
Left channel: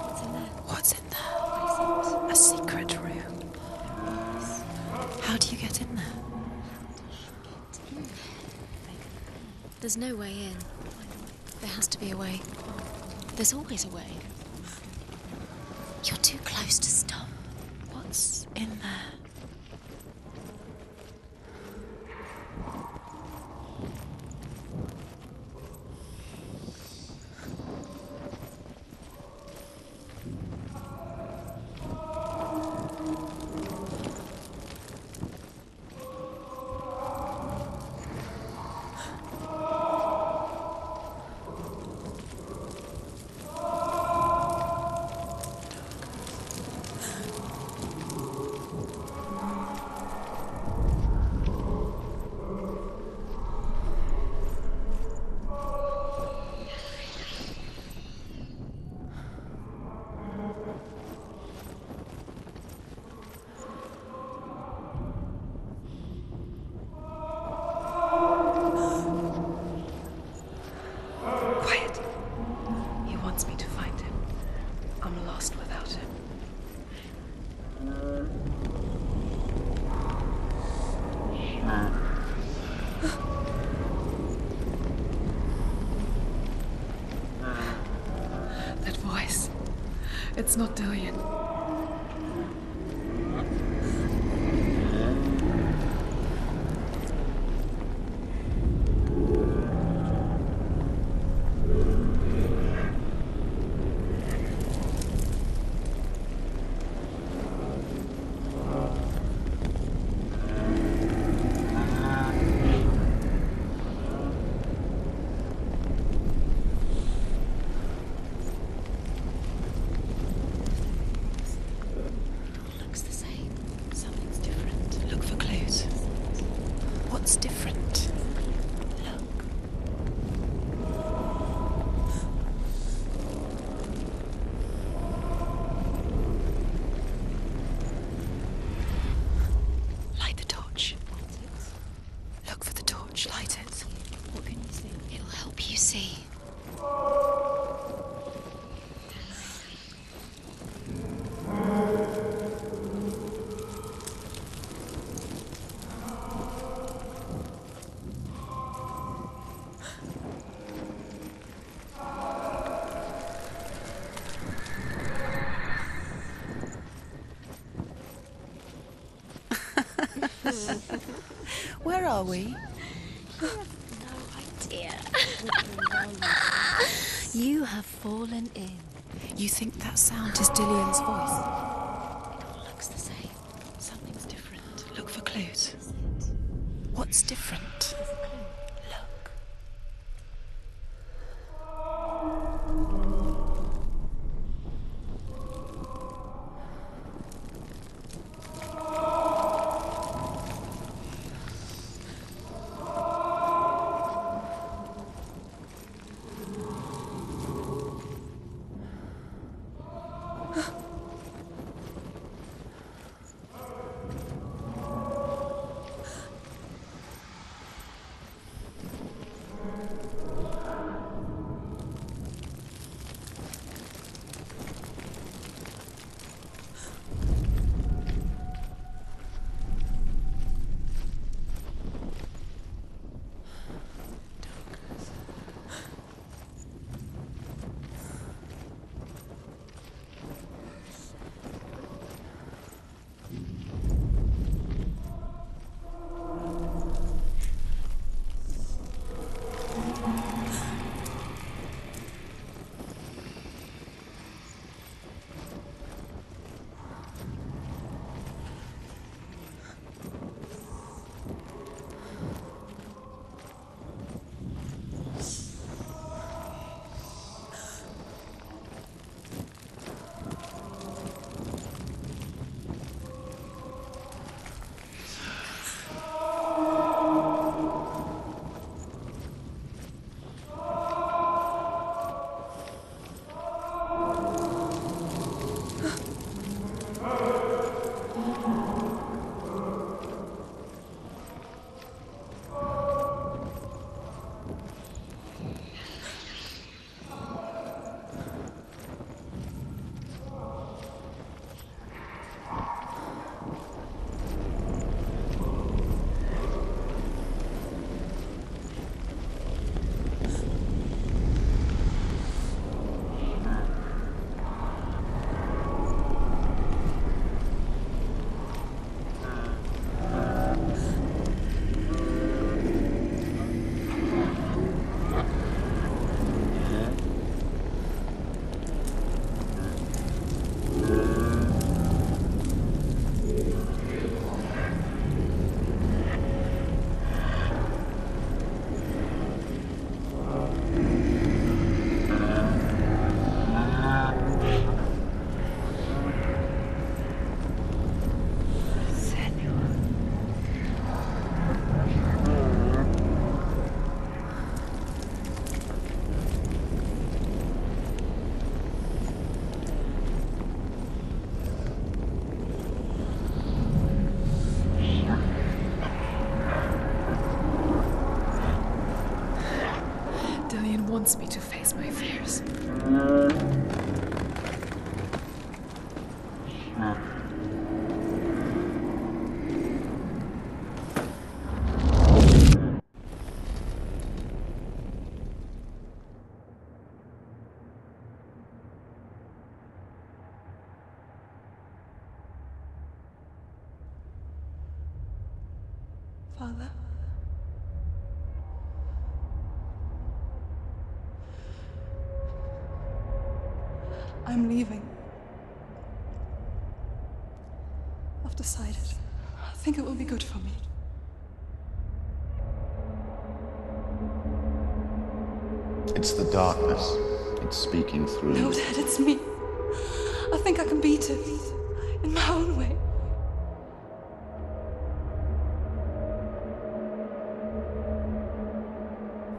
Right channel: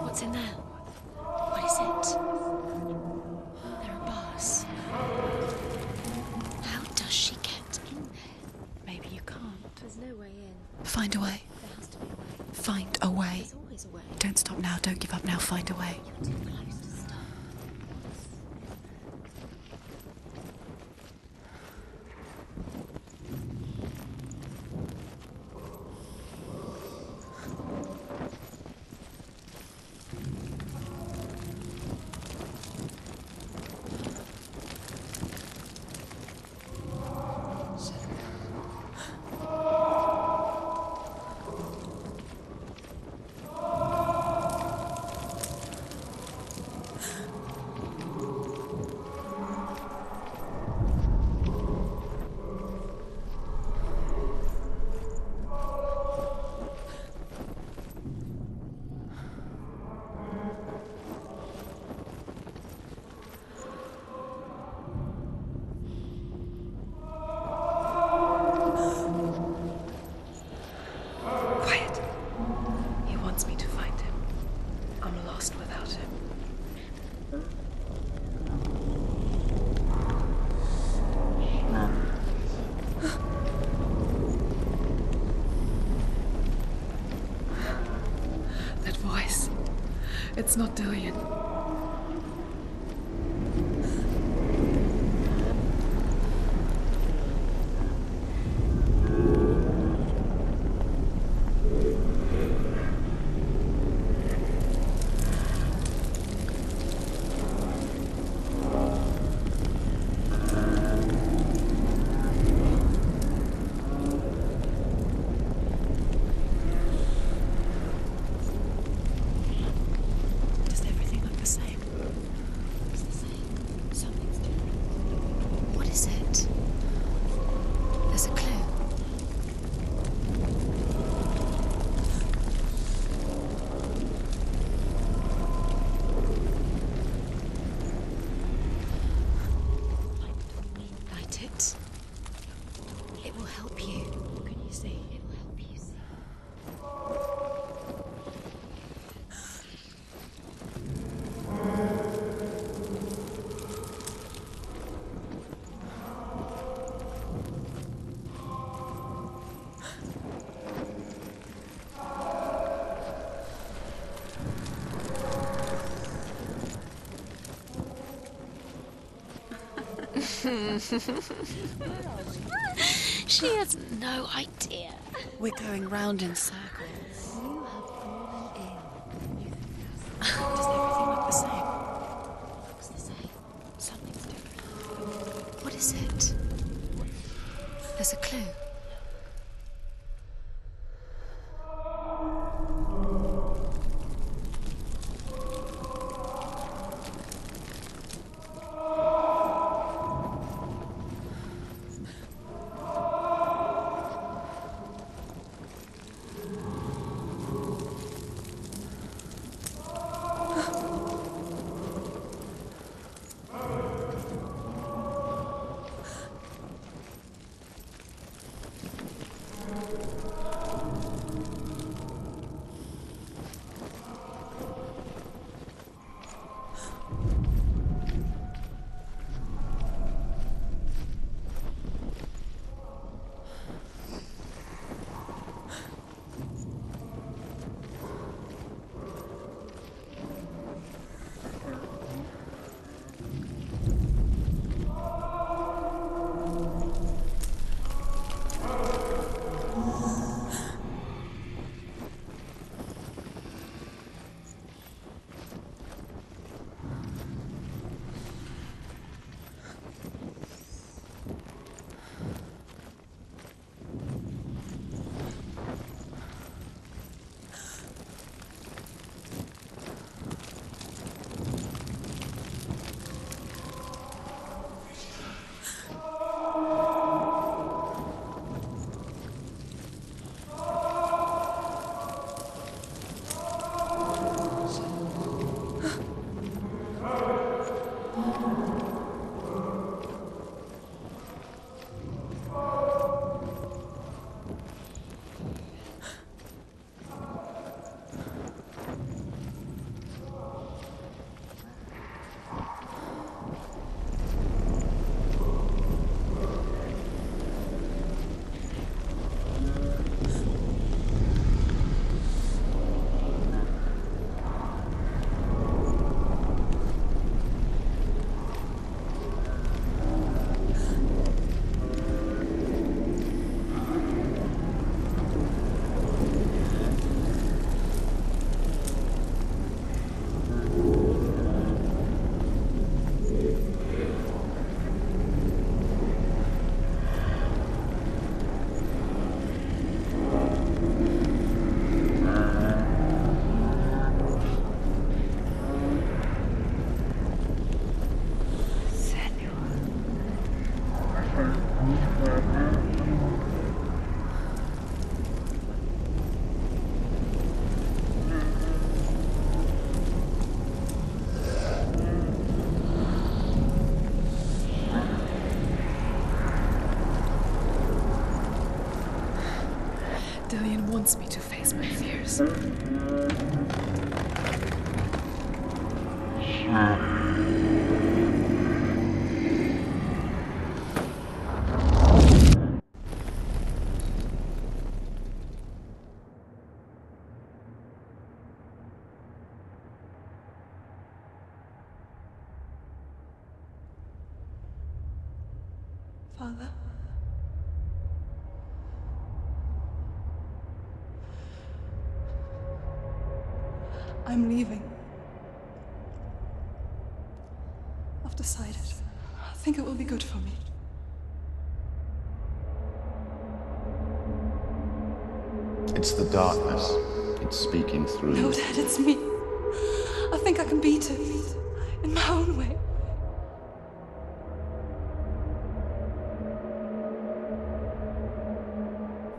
What's in there? What's in there? What is it? A secret room. There are bars. How do you get in there? How does she get in there? Maybe you can't. There's no way in. Find a way. There has to be a way. Find a way. There's always a way. Don't stop now. Don't give up now. Find a way. You're too close to stop. What's in there? I'm lost without him. That voice. It's not Dillian. Where are we? She has no idea. We're going round in circles. You have fallen ill. You think that sound is Dillian's voice? Looks the same. Something's different. Look for clues. What is it? What's different? There's a clue. Dillian wants me to face my fears. Father? I'm leaving. I've decided. I think it will be good for me. It's the darkness. It's speaking through No, you. Dad, it's me. I think I can beat it. In my own way.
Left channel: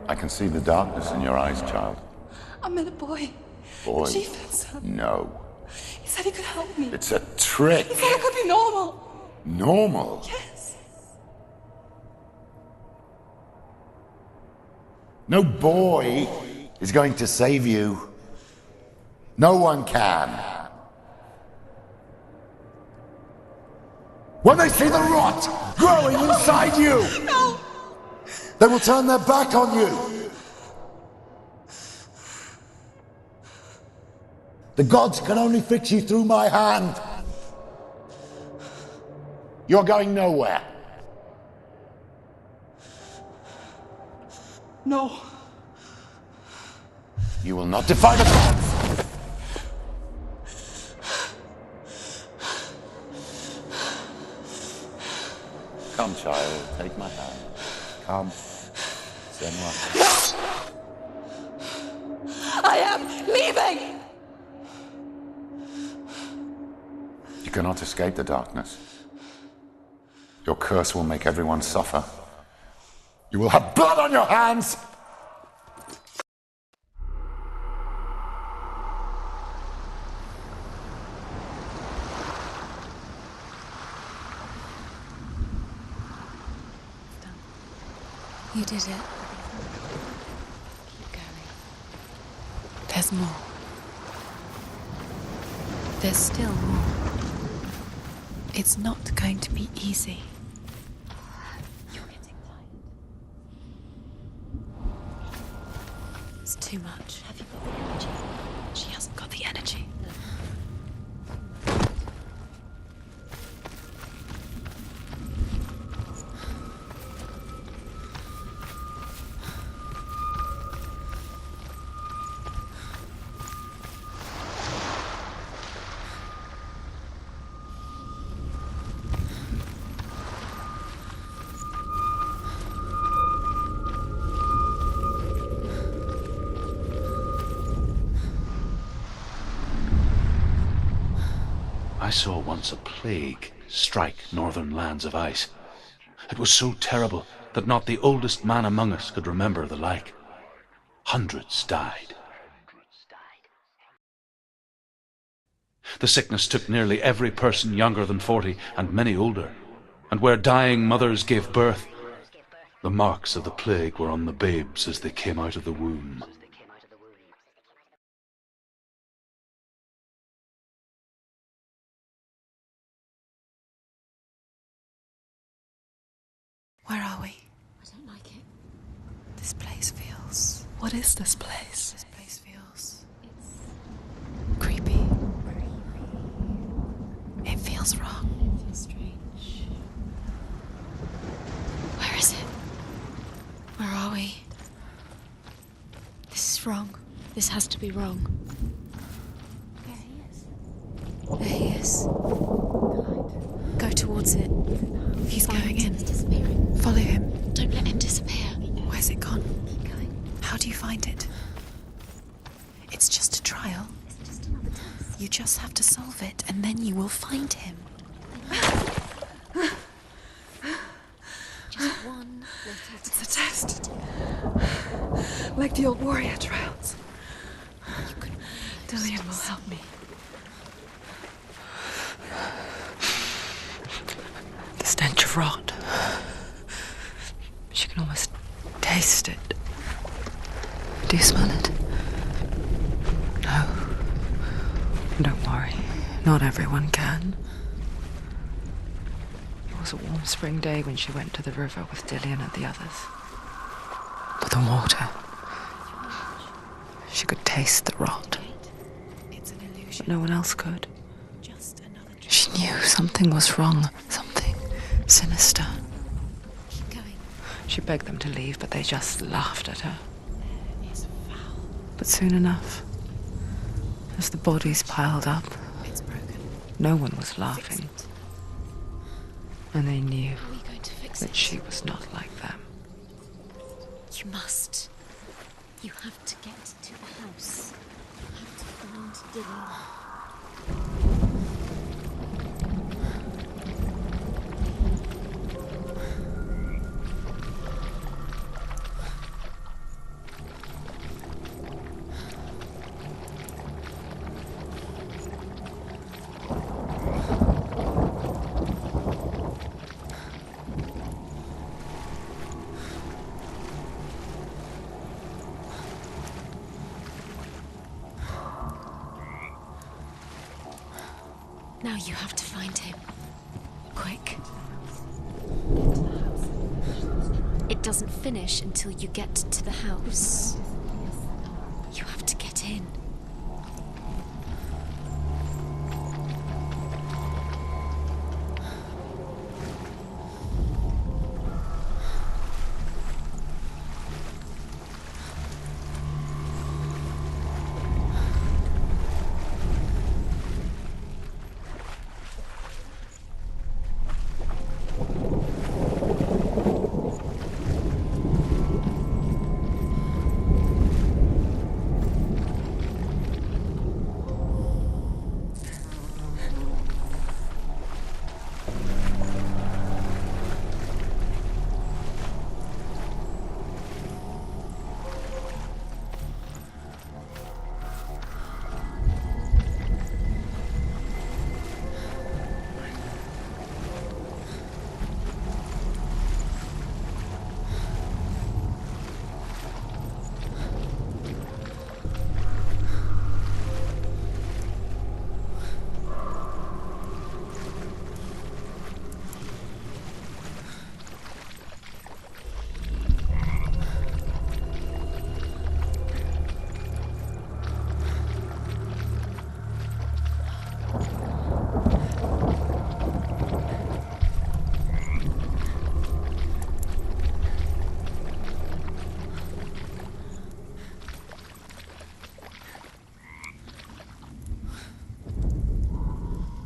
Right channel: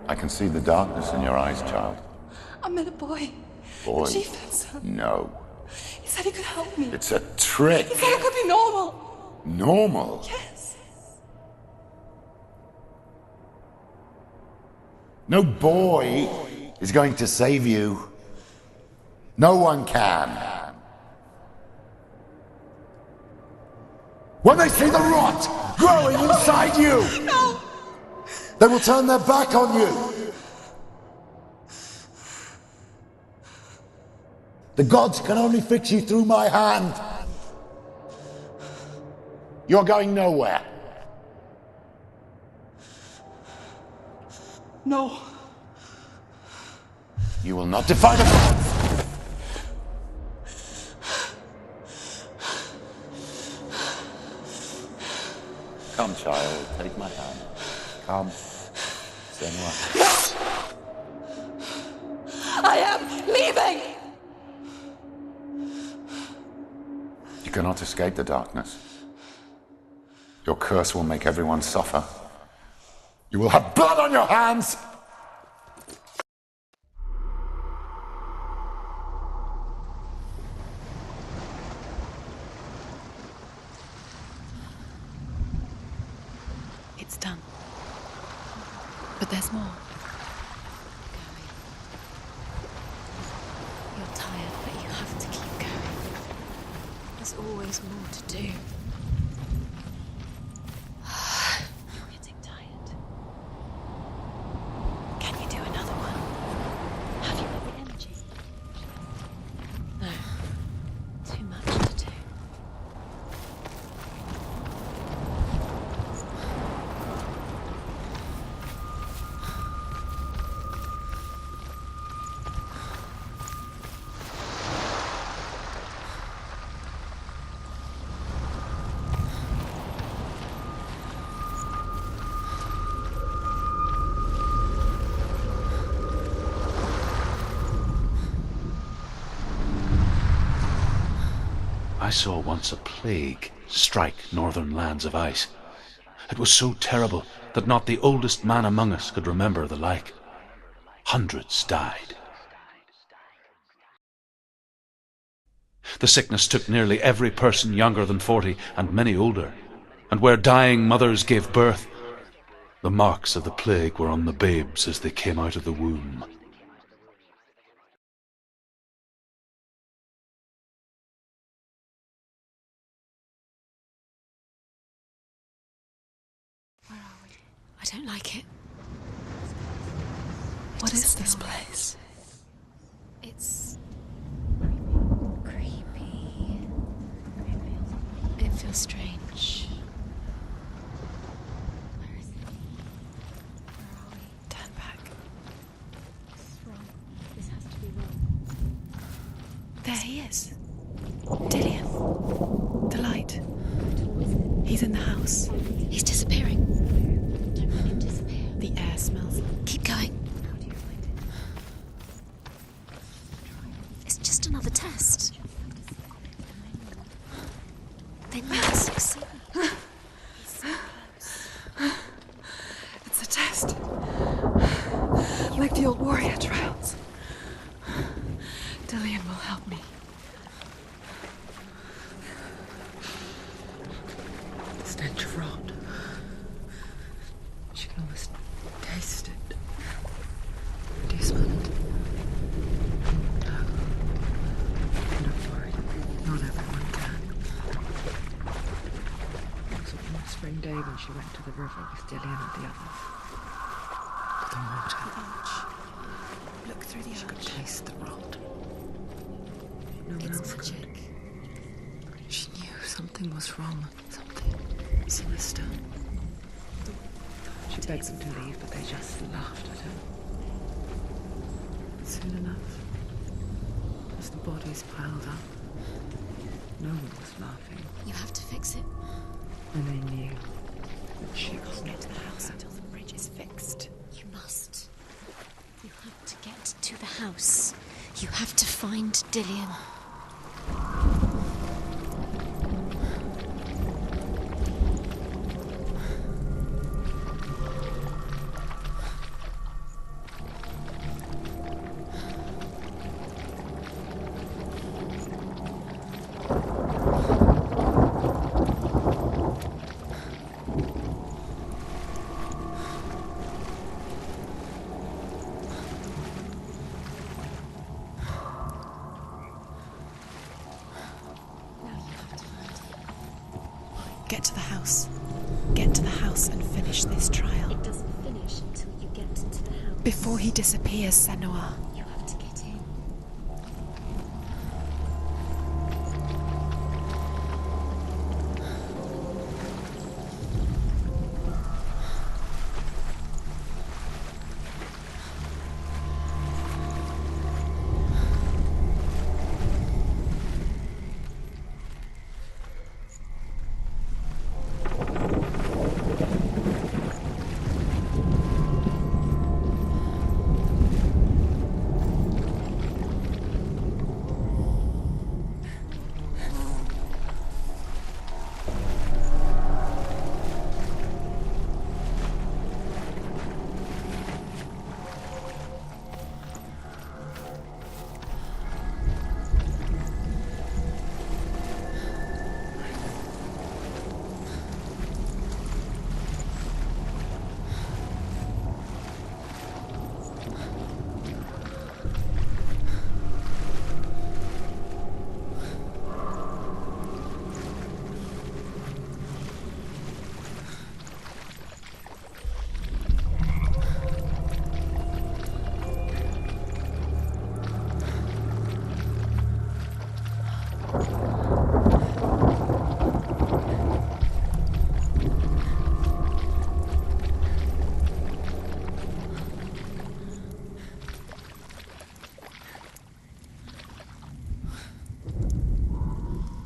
I can see the darkness in your eyes, child. I met a boy. Boy. The chieftain's son. No. He said he could help me. It's a trick. He said I could be normal. Normal? Yes. No boy is going to save you. No one can. When they see the rot growing inside you, No! they will turn their back on you. The gods can only fix you through my hand. You're going nowhere. No. You will not defy the gods. Come, child, take my hand. Come. Senua. I am leaving! You cannot escape the darkness. Your curse will make everyone suffer. You will have blood on your hands! It's done. You did it, but there's more. Keep going. There's more. You're tired, but you have to keep going. There's still more. There's always more to do. It's not going to be easy. You're getting tired. Can you do another one? It's too much. Have you got the energy? She hasn't got the energy. No. Too much to do. I saw once a plague strike northern lands of ice. It was so terrible that not the oldest man among us could remember the like. Hundreds died. The sickness took nearly every person younger than 40 and many older, and where dying mothers gave birth, the marks of the plague were on the babes as they came out of the womb. Where are we? I don't like it. This place feels... What is this place? This place feels... It's... creepy. Creepy. It feels wrong. It feels strange. Where is it? Where are we? Turn back. This is wrong. This has to be wrong. There he is. There he is. The light. Go towards it. He's in the house. He's going in. He's disappearing. Follow him. Don't let him disappear. The air. Where's it gone? Keep going. How do you find it? It's just a trial. It's just another test. You just have to solve it, and then you will find him. Then you will succeed. It's a test. Like the old warrior trials. Dillian will help me. The stench of rot. She can almost taste it. Do you smell it? No. Don't worry, not everyone can. It was a warm spring day when she went to the river with Dillian and the others. For the water. She could taste the rot. But no one else could. She knew something was wrong, something sinister. She begged them to leave, but they just laughed at her. But soon enough, as the bodies piled up, no one was laughing. You have to fix it. And they knew How are you going to fix that it? she was not like that. The bridge is fixed. You must. You have to get to the house. You have to find Dillian. Now you have to find him. Quick, get to the house. Get to the house and finish this trial. It doesn't finish until you get to the house. Before he disappears, Senua. You have to get in.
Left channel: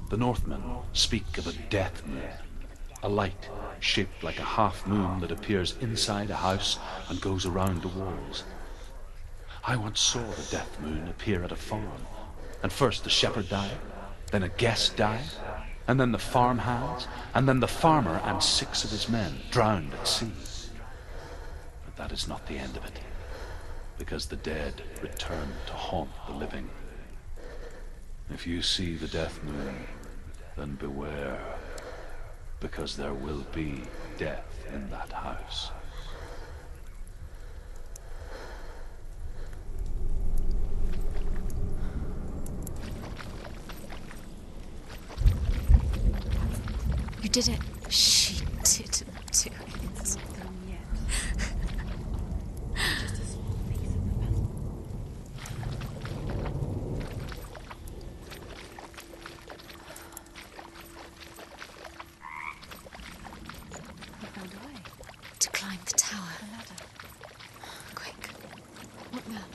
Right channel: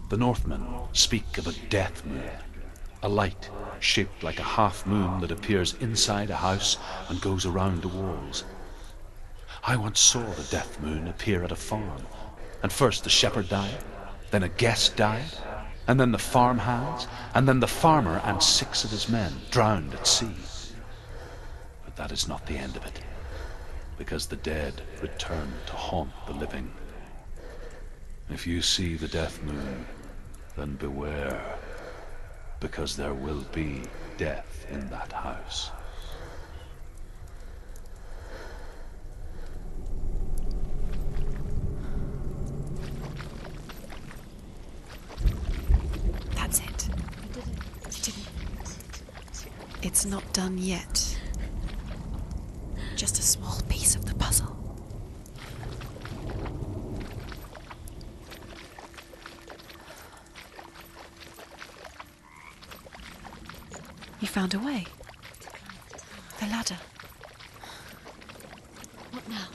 The Northmen speak of a death moon, a light shaped like a half moon that appears inside a house and goes around the walls. I once saw the death moon appear at a farm, and first the shepherd died, then a guest died, and then the farm hands, and then the farmer and 6 of his men drowned at sea. But that is not the end of it, because the dead return to haunt the living. If you see the death moon, then beware, because there will be death in that house. That's it. You did it. She did do it. It's not done yet. Just a small piece of the puzzle. You found a way. To climb the tower. The ladder. Quick. What now?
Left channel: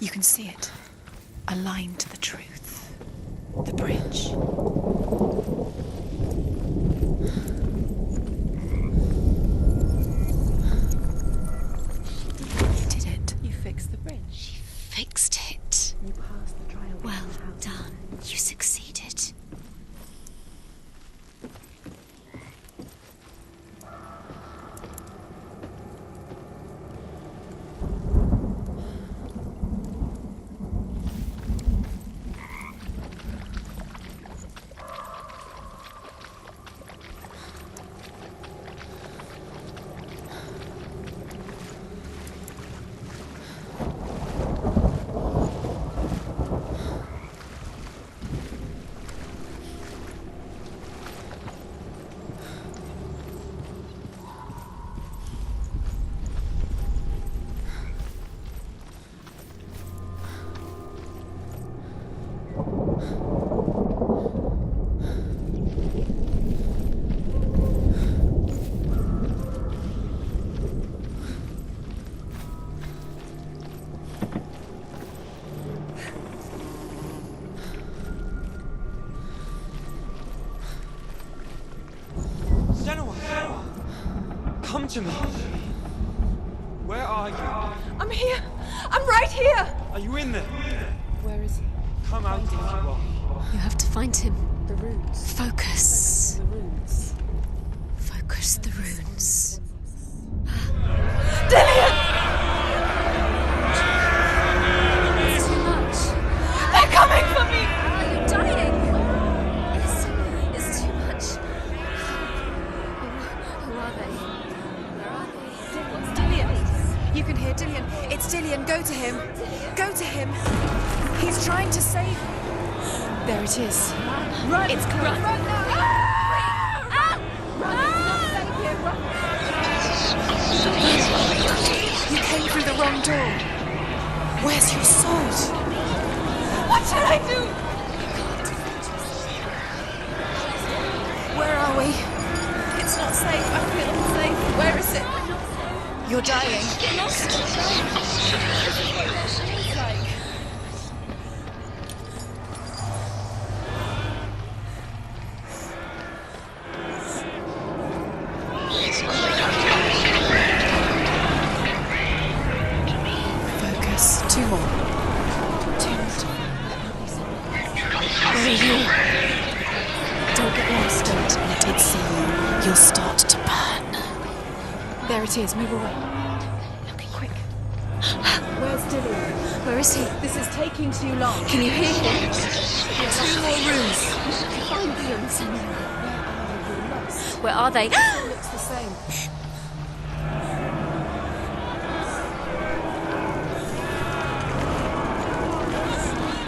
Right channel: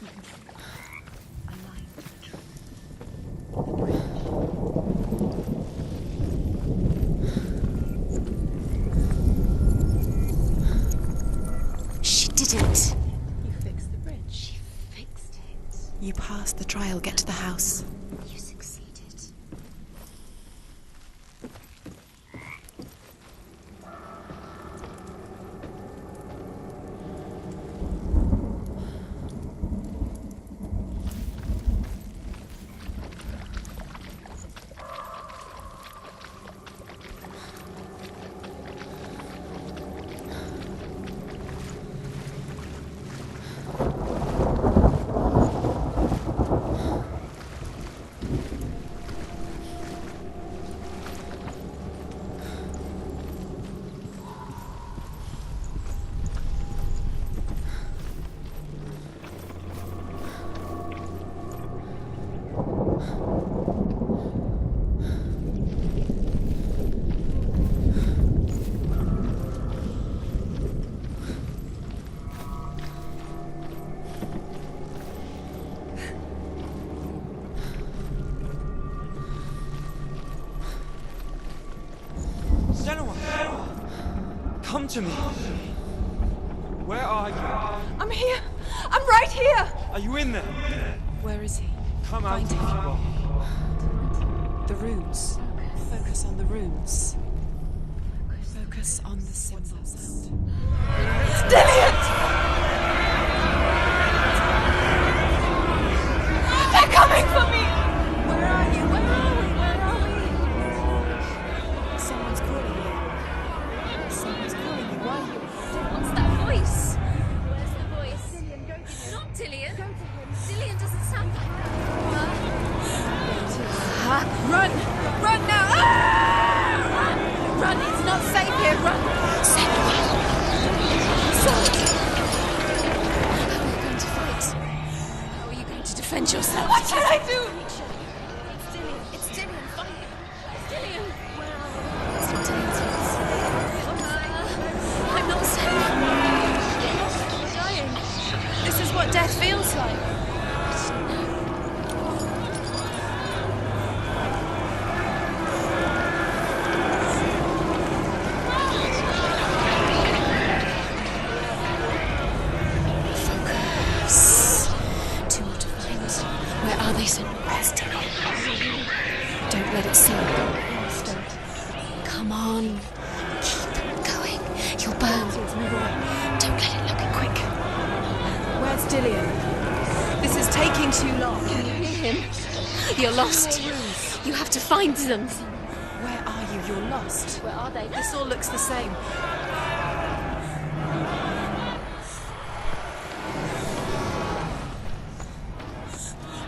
You can see it. Aligned to the truth. The bridge. She did it. Did it. You fixed the bridge. She fixed it. You passed the trial. Get to the Well house. done. You succeeded. Senua! Come to me! Where are you? I'm here! I'm right here! Are you in there? Where is he? Come out if you are. You have to find him. The runes. Focus. Focus on the runes. Focus the runes. Dillian! They're coming for me! Are you dying? There's too much. Someone's calling you. Someone's calling you. Run. What's the voice? You can hear Dillian. It's Dillian. Go to him. Dillian? Go to him. He's trying to save you. There it is. Run! It's Run now! Run! It's not safe here. Run! You came through the wrong door. Where's your sword? You need to defend yourself. What shall I do? Where are we? It's not safe. I'm not safe. Where is it? I'm not safe. You're dying. You're dying. This is what death feels like. Where are they, Senua? Where are you? Don't let it see you. Don't get lost. Don't let it see you. You'll start to burn. Going. You'll burn. There it is. Move away. Don't let it look at Quick. Where's Dillian? Where is he? This is taking too long. Can you hear him? You're lost. You have to find them, Senua. Where are you? You're lost. Where are they? This all looks the same.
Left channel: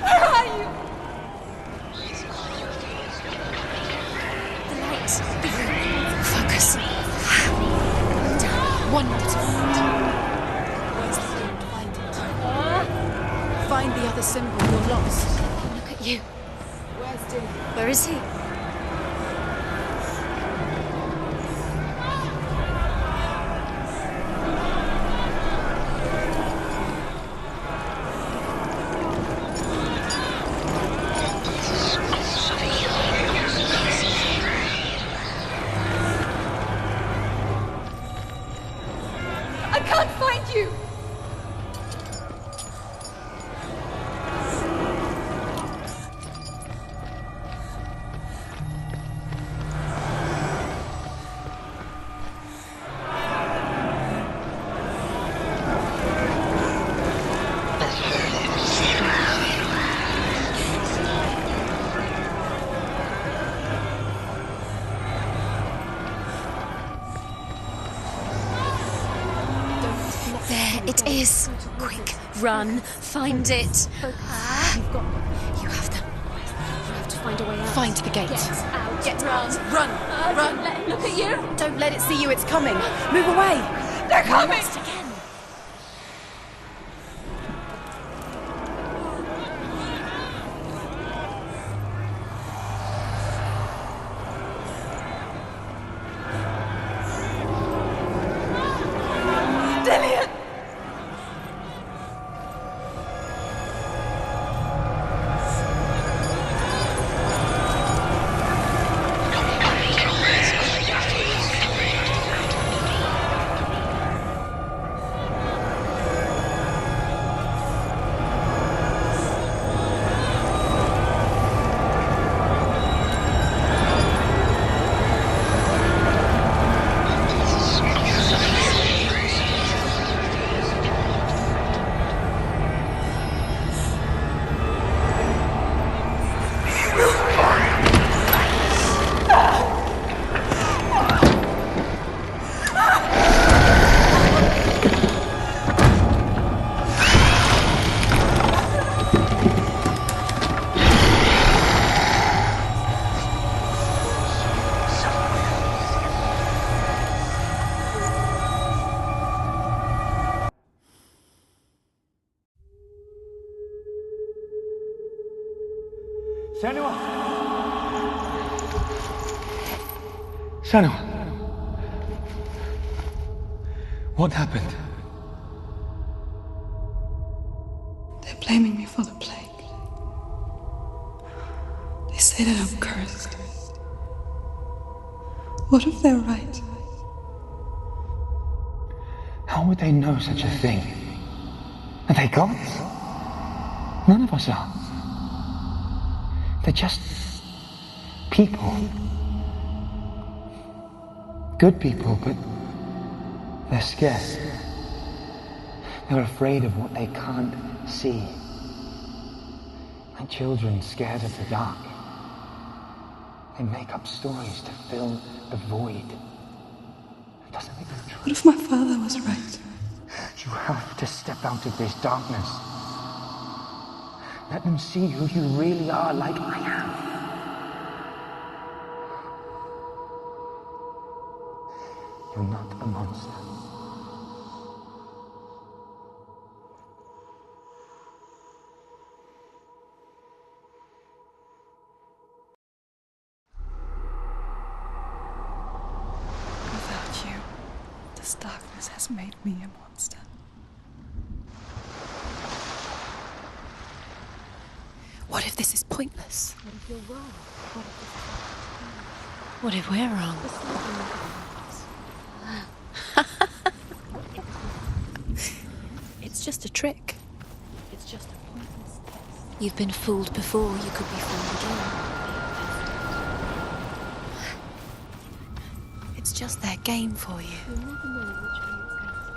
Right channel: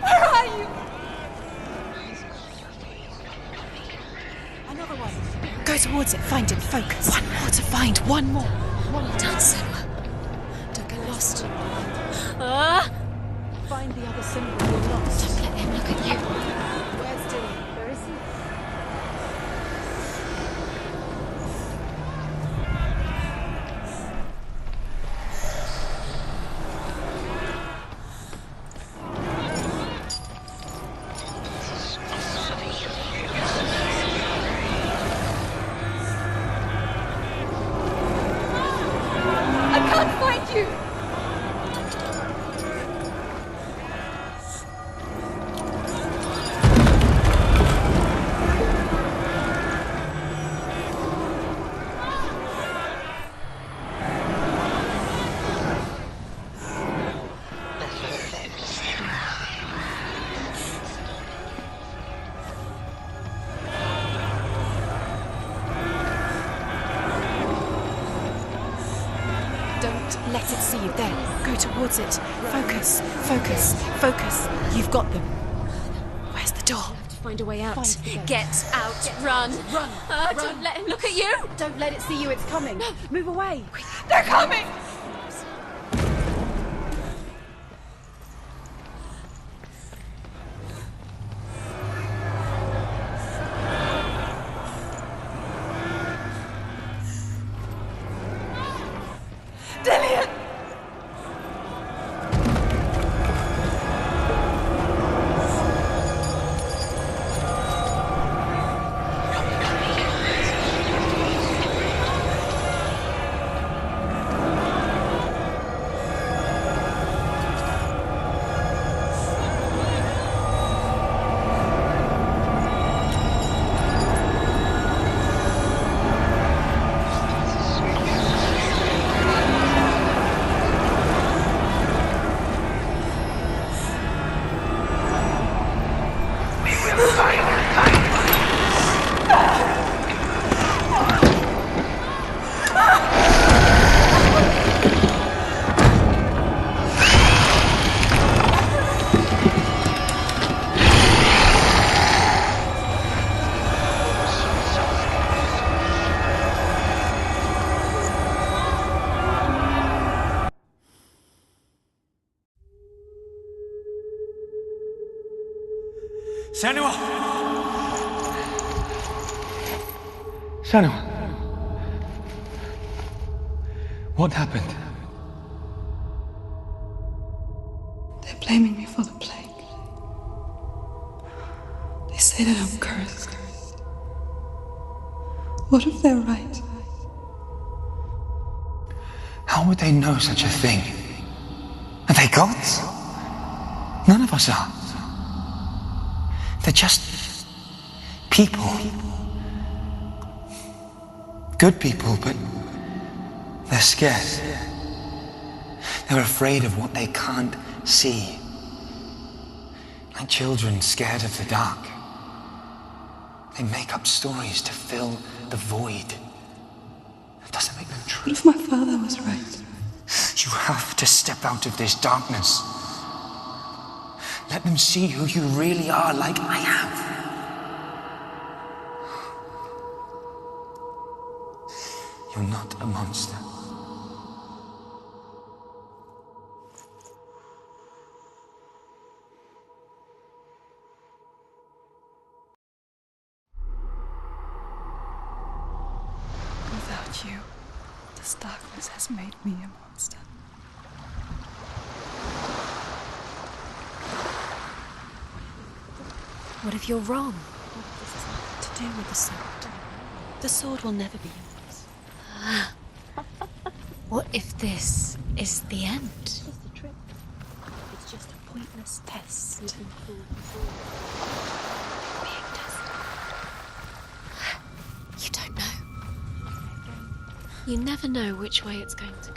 Where are you? Go towards it. Focus. Focus. I have to find one more. One dozen. Lost. Find the other symbol. You're lost. Let him look at you. Where's Dillian? Where is he? I can't find you! Don't let it see you. It Don't. is. Go towards it. Run. Focus. Find Focus. it. Focus. You've got them. You have them. Where's the door? You have to find a way out. Find the gate. Get out. Run. Run. Run. Don't let him look at you. Don't let it see you. It's coming. Move away. They're coming! Dillian! Senua! Senua! What happened? They're blaming me for the plague. They say that I'm cursed. What if they're right? How would they know such a thing? Are they gods? None of us are. They're just people. Good people, but they're scared. They're afraid of what they can't see. Like children scared of the dark. They make up stories to fill the void. That doesn't make them true. What if my father was right? You have to step out of this darkness. Let them see who you really are, like I have. You're not a monster. Without you, this darkness has made me a monster. What if this is pointless? What if you're wrong? What if this has nothing to do with the sword? What if we're wrong? The sword will never be yours. What if this is the end? It's just a trick. It's just a pointless test. You've been fooled before. You could be fooled again. Being tested. You don't know. It's just their game for you. You never know which way it's going to go.